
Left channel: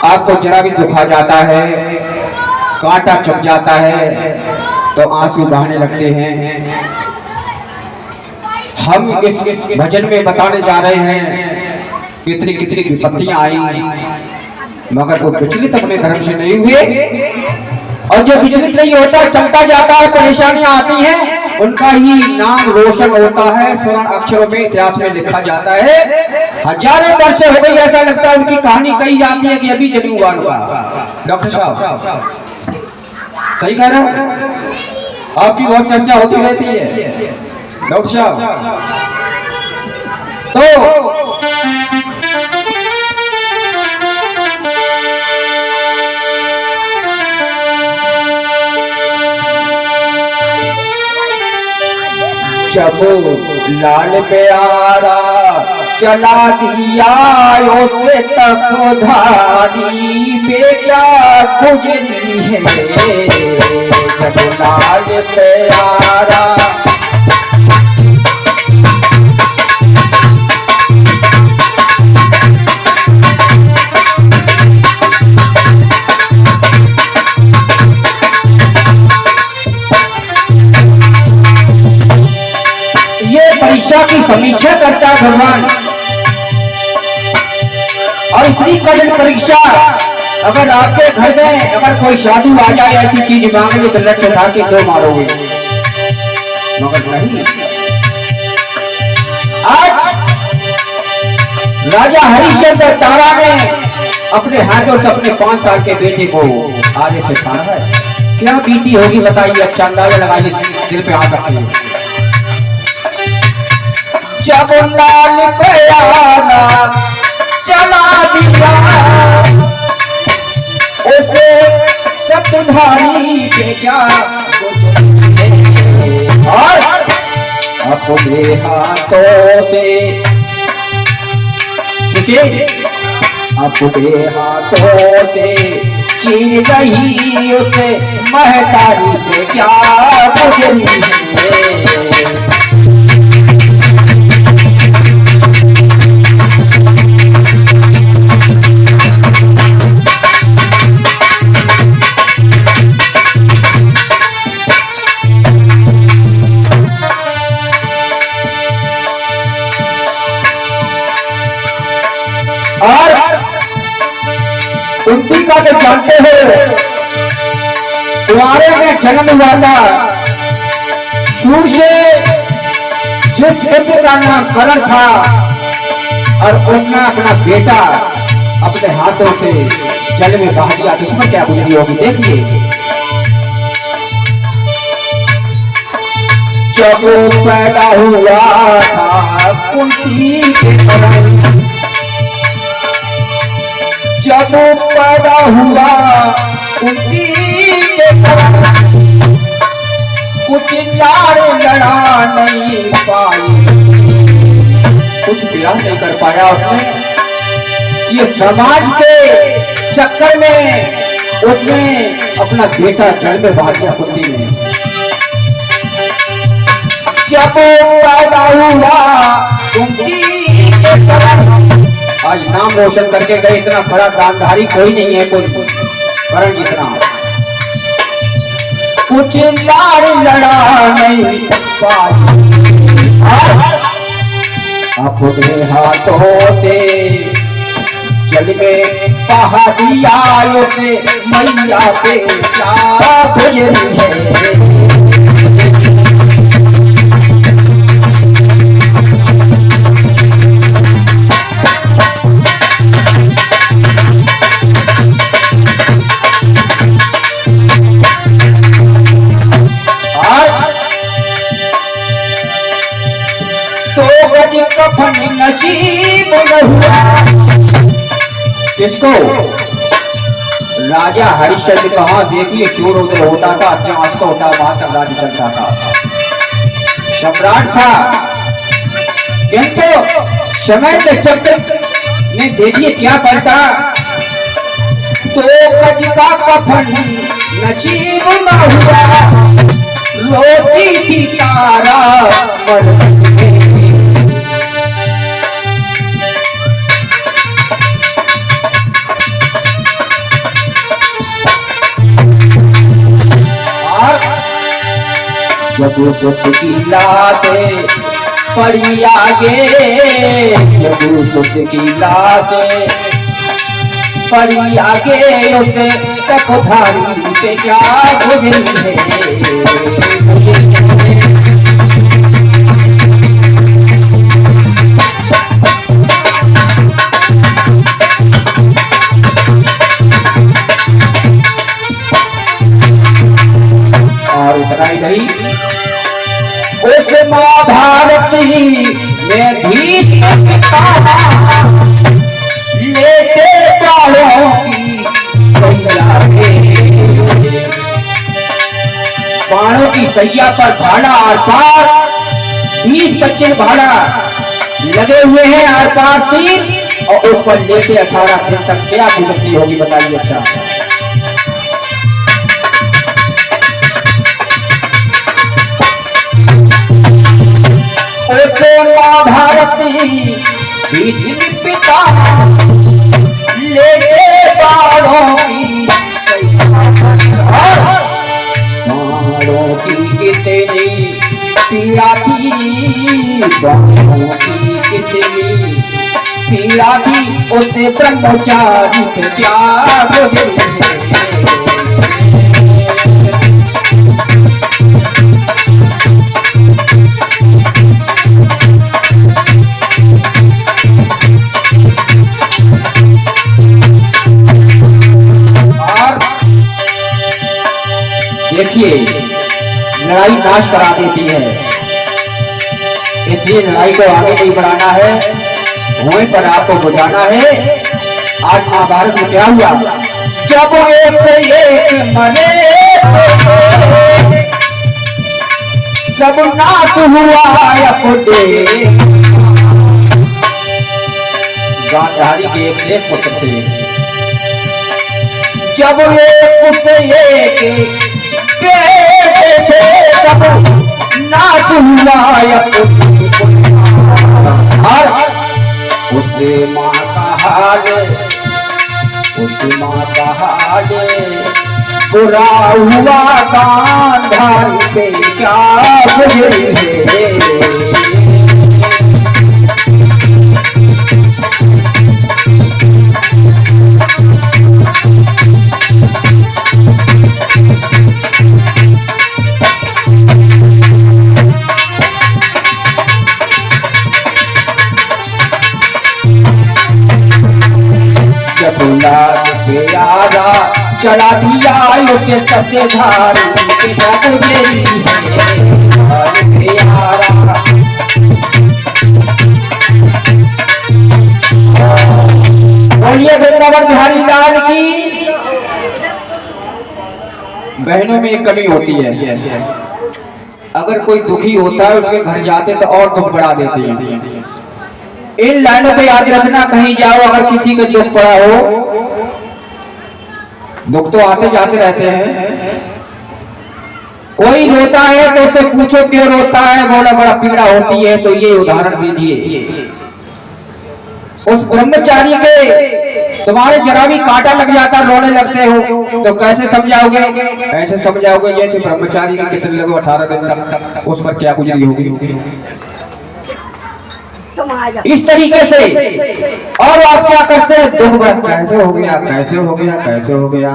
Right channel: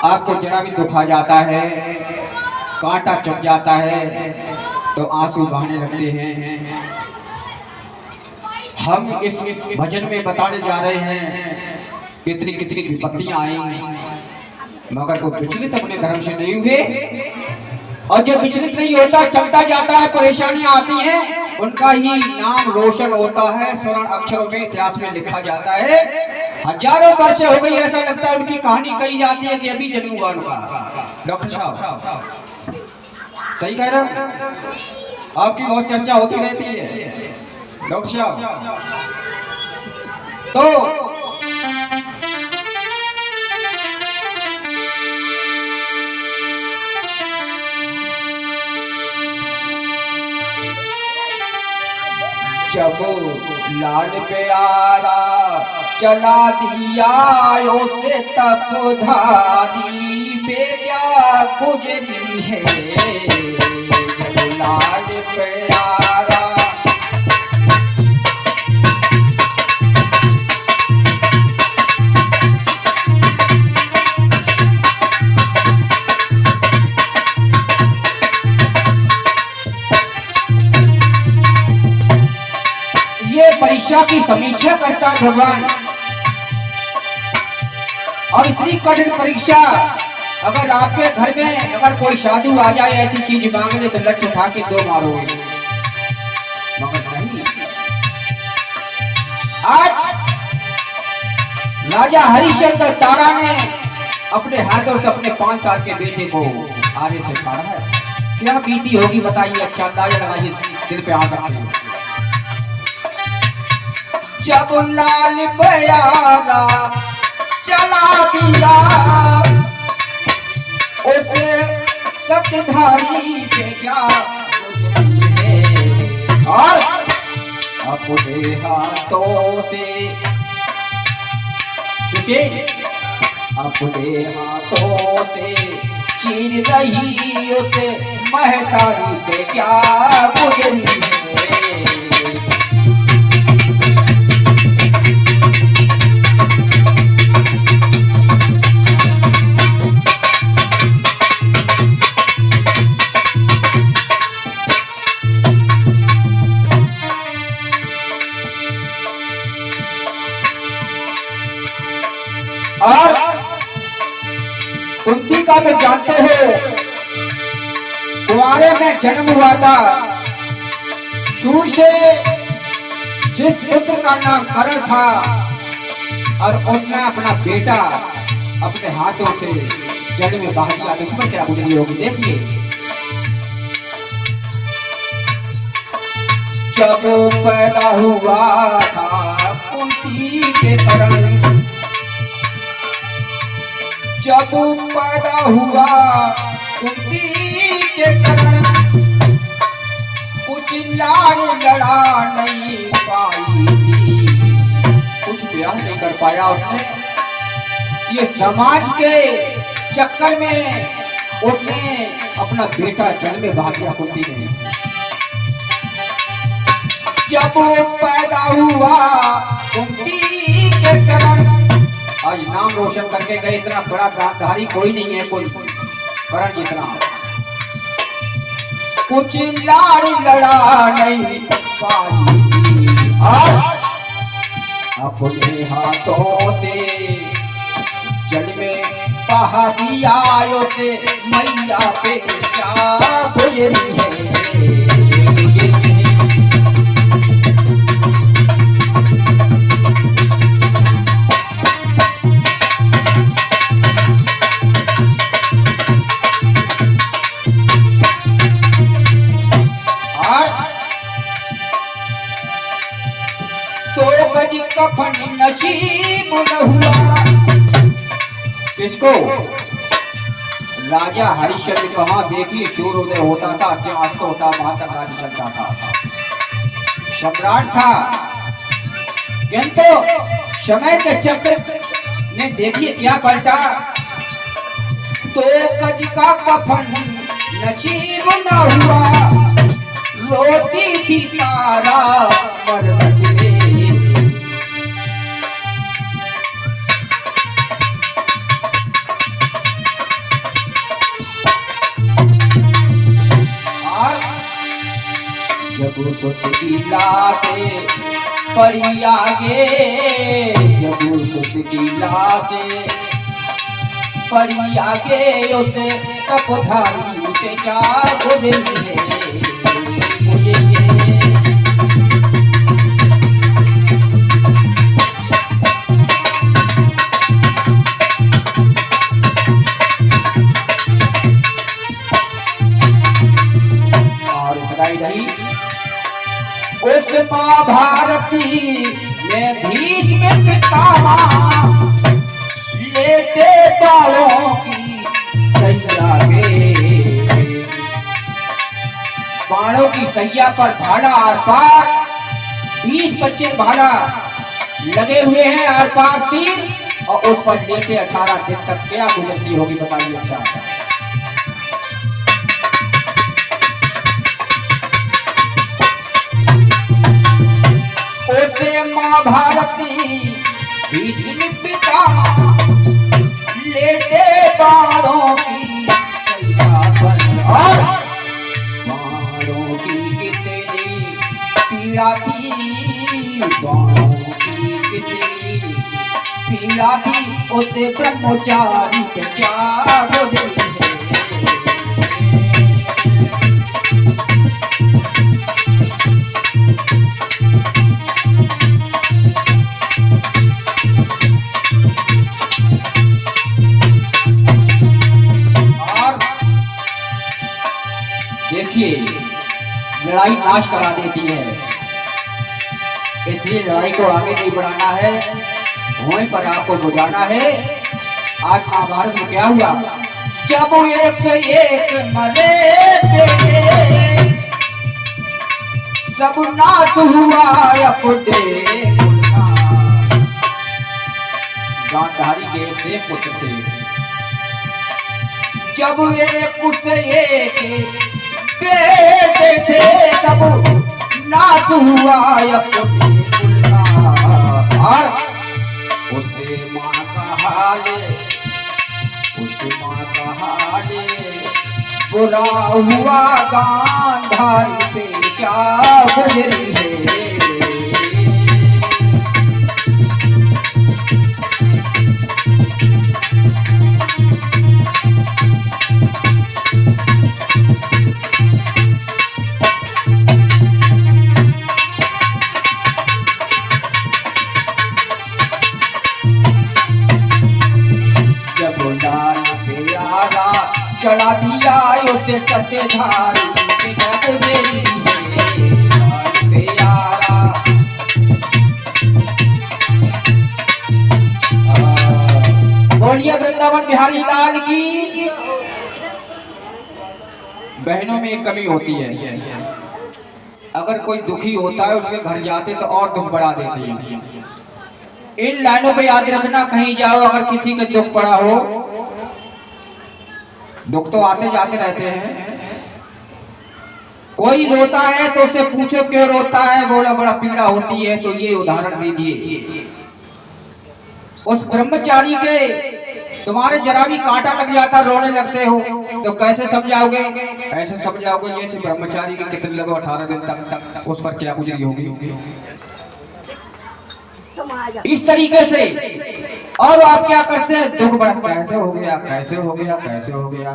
आपको जरा भी दुखा जाता है, कांटा चुभ जाता है तो आंसू बहाने लगते हैं। हम इस भजन में बताने जा रहे हैं कितनी कितनी विपत्तियां आई, मगर वो विचलित अपने धर्म से नहीं हुए। और जो विचलित नहीं होता, चलता जाता है, परेशानियां आती हैं, उनका ही नाम रोशन होता है, स्वर्ण अक्षरों में इतिहास में लिखा जाता है। हजारों वर्ष हो गई, ऐसा लगता है उनकी कहानी कही जाती है कि अभी जन्म हुआ उनका। डॉक्टर साहब सही कह रहे हो, आपकी बहुत चर्चा होती रहती है डॉक्टर साहब। तो जब लाल प्यारा चला दिया उसे तक धारी पे क्या गुजरी है। जब लाल प्यारा की समीक्षा करता है भगवान। और इतनी कठिन परीक्षा, अगर आपके घर में अगर कोई साधु आ जाए ऐसी चीज मांगने तो लट उठा के दो मारोगे, मगर नहीं। आज राजा हरिश्चंद्र तारा ने अपने हाथों से अपने 5 साल के बेटे को आगे से फाड़ा है। क्या बीती होगी बताइए, अच्छा अंदाजा लगाइए, दिल पे हाथ रखिए। जब लाल प्यारा चला दिया उसे सतधारी के क्या और अपने हाथों से अपने हाथों से चीर रही उसे महतारी से क्या गुजरी है। और कुंती का तो जानते हो, कुंवारे में जन्म हुआ था। शुरू से जिस पुत्र का नाम करण था और उसने अपना बेटा अपने हाथों से जल में बहा दिया, तो उसमें क्या बुद्धि होगी देखिए। जब पैदा हुआ था कुंती के करण, जब पैदा हुआ कुंती के करण, कुछ लाड़ लड़ा नहीं पाई, कुछ प्यार नहीं कर पाया उसने। ये समाज के चक्कर में उसने अपना बेटा जल में बहा दिया कुंती ने। जब पैदा हुआ कुंती के करण, आज नाम रोशन करके गए, इतना बड़ा दानधारी कोई नहीं है, कुछ करण जितना। कुछ लाड़ लड़ा नहीं पाई, अपने हाथों से जल में बहा दिया उसे मैया पे क्या गुजरी है। तो गज कफन नसीब न हुआ, किसको? राजा हरिश्चंद्र कहा देखिए चोर उधर होता था, जांच तो होता, बात का राज्य चलता था, सम्राट था। किंतु समय के चक्र ने देखिए क्या पलटा, तो गज का कफन नसीब न हुआ, रोती थी तारा मरती थी। जब सुत की लाशें पड़ी आगे, जब सुत की लाशें पड़ी आगे, उसे तकधारी पे क्या गुजरी है। और उतना ही नहीं, उस महाभारती में भीत लेते बालों की सैया में, बाणों की सैया पर भाला आर पार, 20-25 भाला लगे हुए हैं आर पार तीर, और उस पर लेते 18 दिन तक क्या गुजरती होगी बताइए। अच्छा उसे महाभारती पिता लेते बाणों की बाणों की कितनी पीड़ा थी, बाणों की कितनी पीड़ा थी, उसे ब्रह्मचारी से क्या गुजरी। देखिए लड़ाई नाश करा देती है, इसलिए लड़ाई को आगे नहीं बढ़ाना है, वहीं पर आपको बुझाना है। आज महाभारत में क्या हुआ, जब एक से एक मरे सब नाश हुआ अपने। गांधारी के एक पुत्र थे, जब उसे एक बेटे थे तब नाश हुआ और उसे माँ का हाल, उसे माँ का हाल बुरा हुआ, गांधारी पे क्या गुजरी है। चला दिया उसे सत्यधारी के बोलिए वृंदावन बिहारी लाल की। बहनों में एक कमी होती है, अगर कोई दुखी होता है उसके घर जाते तो और दुख बढ़ा देते हैं। इन लाइनों पे याद रखना, कहीं जाओ अगर किसी को दुख पड़ा हो, दुख तो आते जाते रहते हैं, कोई रोता है तो उससे पूछो क्यों रोता है, बोला बड़ा पीड़ा होती है, तो ये उदाहरण दीजिए। उस ब्रह्मचारी के तुम्हारे जरा भी कांटा लग जाता, रोने लगते हो, तो कैसे समझाओगे? ऐसे समझाओगे जैसे ब्रह्मचारी के कितने लगे 18 दिन तक उस पर क्या गुजरी होगी, इस तरीके से। और आप क्या करते हैं, दुख बड़ा कैसे हो गया, कैसे हो गया, कैसे हो गया।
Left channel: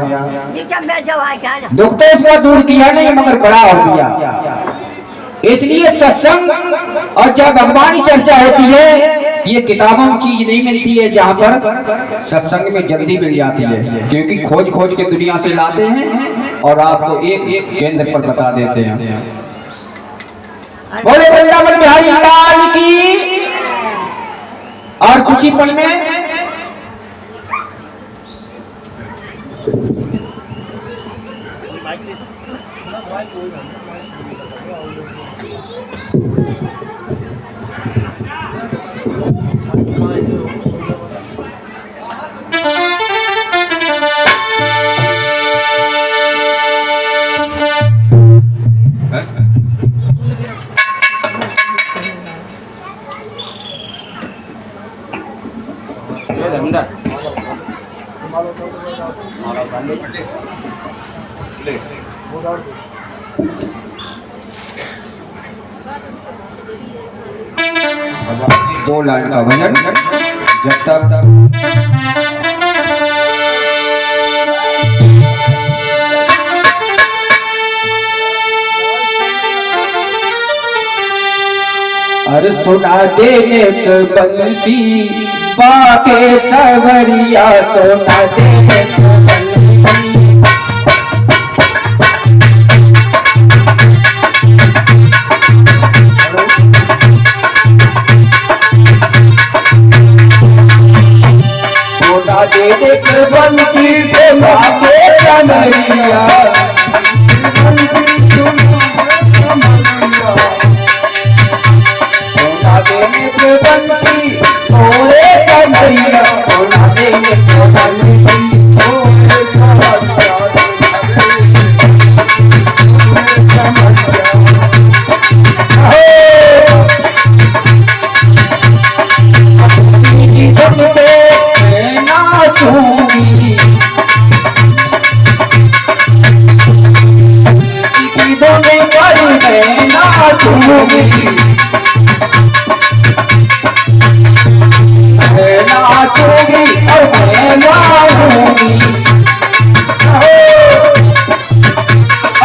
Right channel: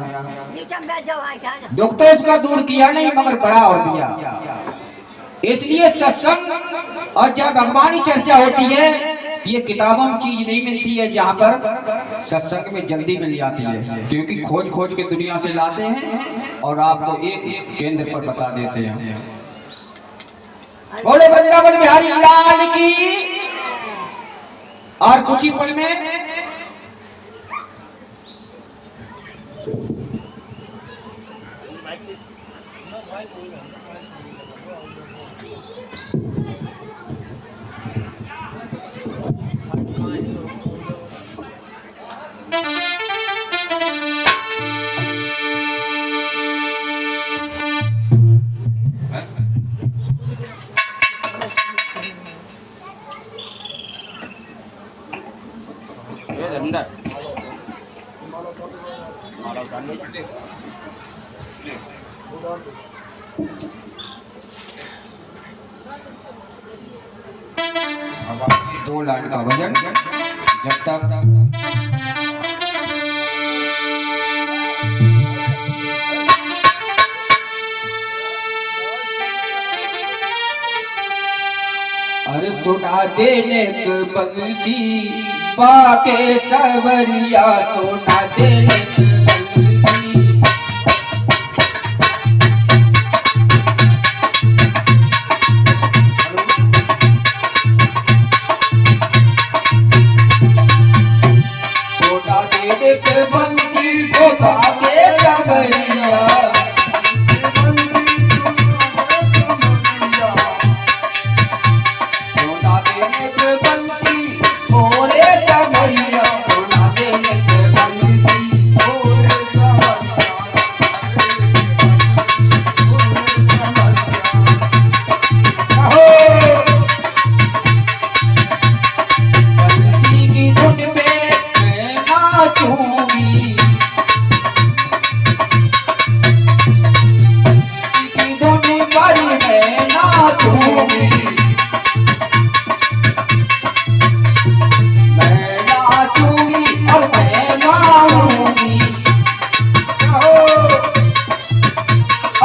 दुख तो उसका दूर किया नहीं मगर बड़ा हो गया। इसलिए सत्संग और जब भगवान की चर्चा होती है, ये किताबों में चीज नहीं मिलती है, जहाँ पर सत्संग में जल्दी मिल जाती है, क्योंकि खोज खोज के दुनिया से लाते हैं और आपको एक केंद्र पर बता देते हैं। बोले वृंदावन बिहारी लाल की। और कुछ ही पल में दो लाइन का भजन जब तक अरे सुना देने के बंसी बाके सवरिया सुना देने के बंसी सुना देने के बंसी बाके सवरिया बंसी मोरे कमरिया सोना देने के बंसी मोरे की धुन पे मैं नाचूंगी की धुन पर मैं नाचूंगी नाचूंगी और मैं गाऊंगी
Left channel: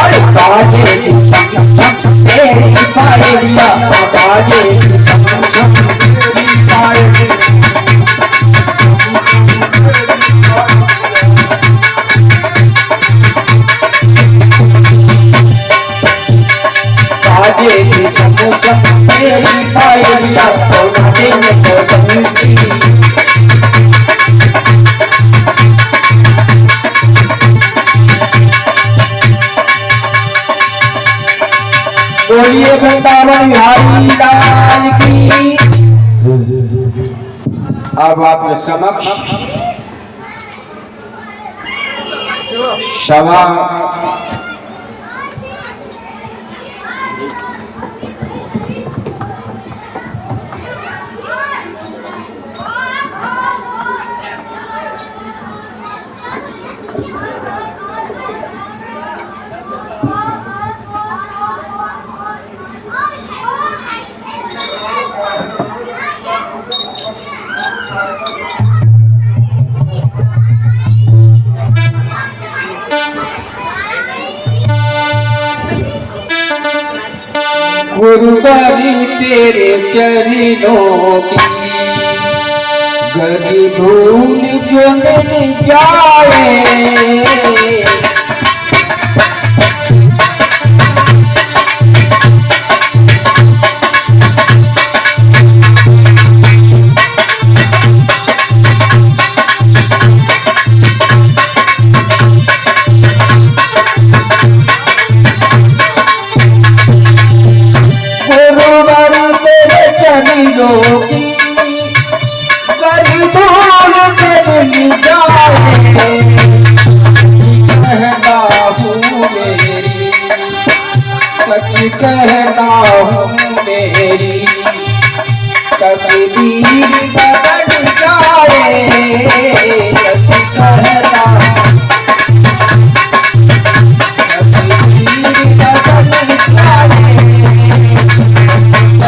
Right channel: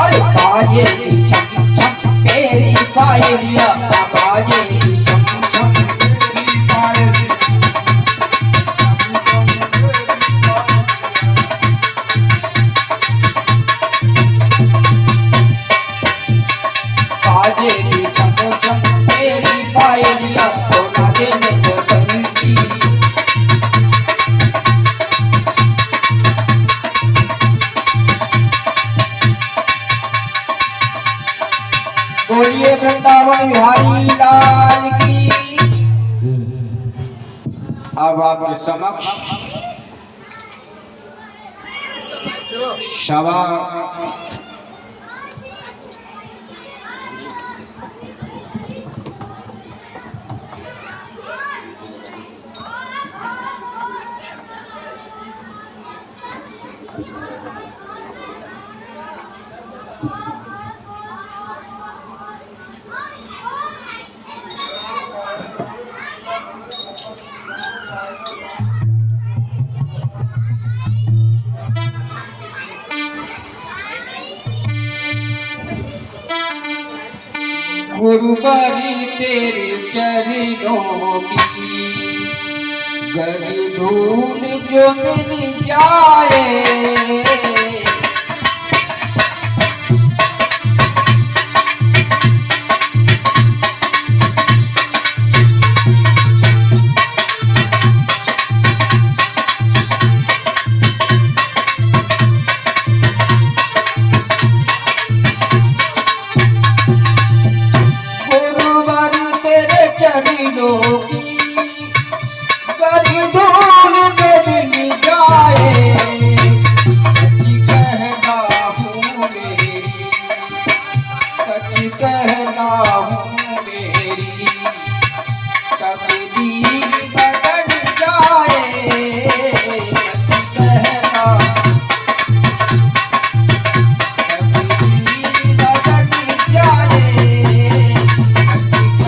अरे बाजे की चम चम तेरी पायलिया बाजे की चम चम तेरी पायलिया बाजे की चम चम तेरी पायलिया सोना देने को बंसी बोलिए वृंदावन बिहारी लाल की। अब आपके समक्ष सवा गुरुवारी तेरे चरणों की गरी धूल जो मिल जाए कहता हूँ मेरी तकदीर बदल जाए कहता तकदीर बदल जाए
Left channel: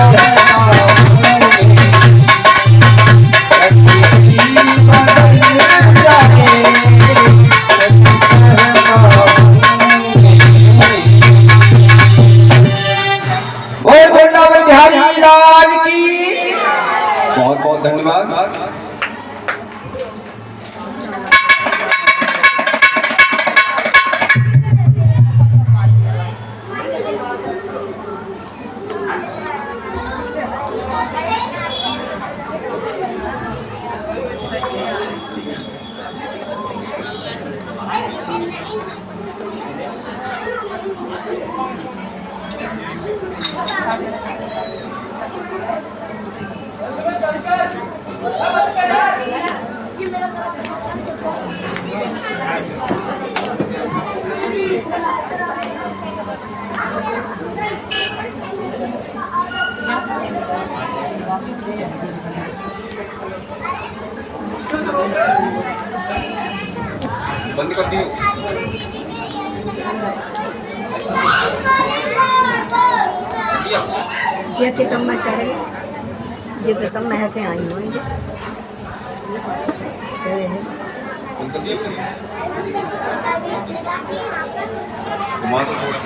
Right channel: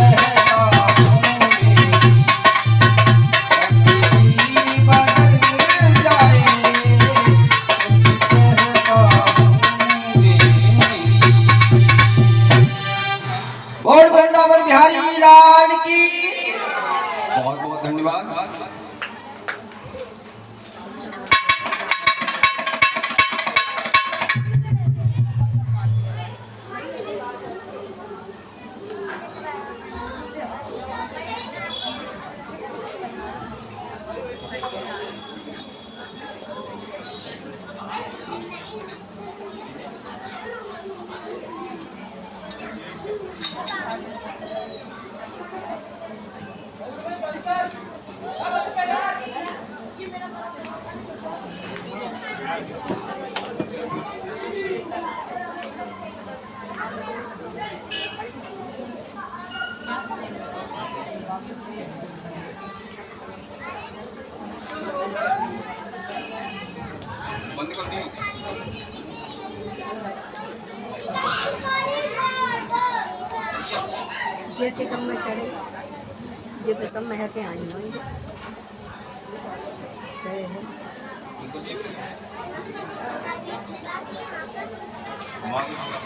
कहता हूँ तकदीर बदल जाए और वृंदावन बिहारी लाल की बहुत बहुत धन्यवाद। बंद कर दियो। ये के कम में करे ये तो कम में है के आई होंगे बंद कर दियो। घुमा दो थोड़ा।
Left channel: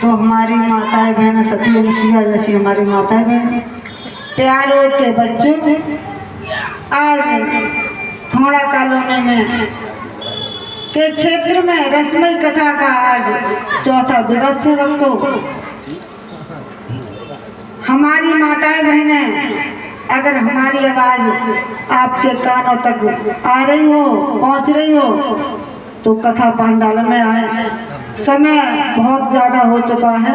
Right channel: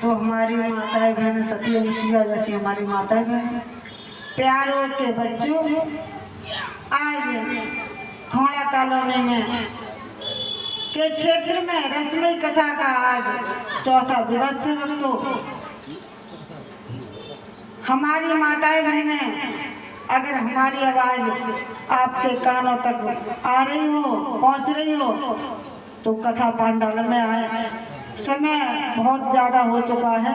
तो हमारी माताएं बहन सती अनुसुईया जैसी हमारी माताएं बहन प्यारों के बच्चों, आज खोड़ा कॉलोनी में के क्षेत्र में रसमई कथा का आज चौथा दिवस है। वक्तों, हमारी माताएं बहनें, अगर हमारी आवाज आपके कानों तक आ रही हो, पहुंच रही हो, तो कथा पंडाल में आए। समय बहुत ज्यादा हो चुका है।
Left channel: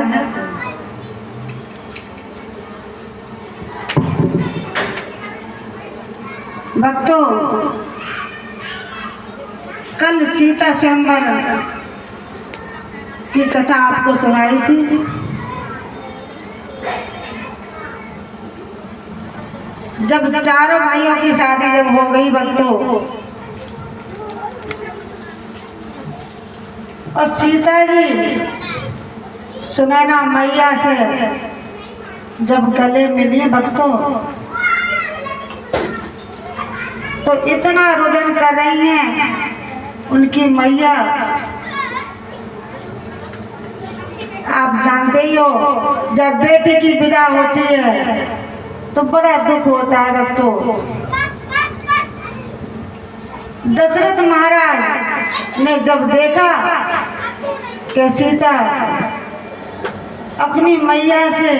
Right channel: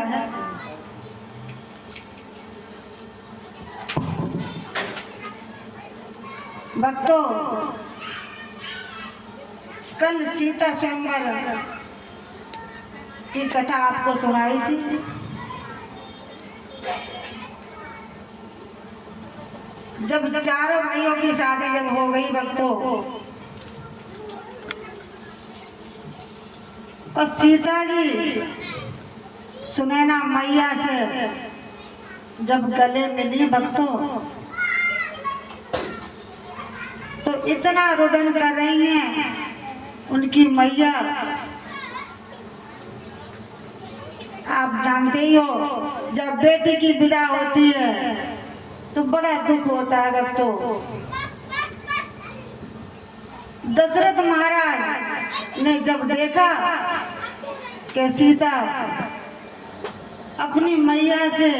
भक्तों, कल सीता स्वयंवर की कथा आपको सुनाई थी। जब चारों भाइयों की शादी जब हो गई भक्तों, और सीता जी सुनैना मैया से जब गले मिली भक्तों, तो इतना रुदन कर रही हैं उनकी मैया। आप जानते ही हो, जब बेटी की विदा होती है तो बड़ा दुख होता है भक्तों। दशरथ महाराज ने जब देखा कि सीता अपनी मैया से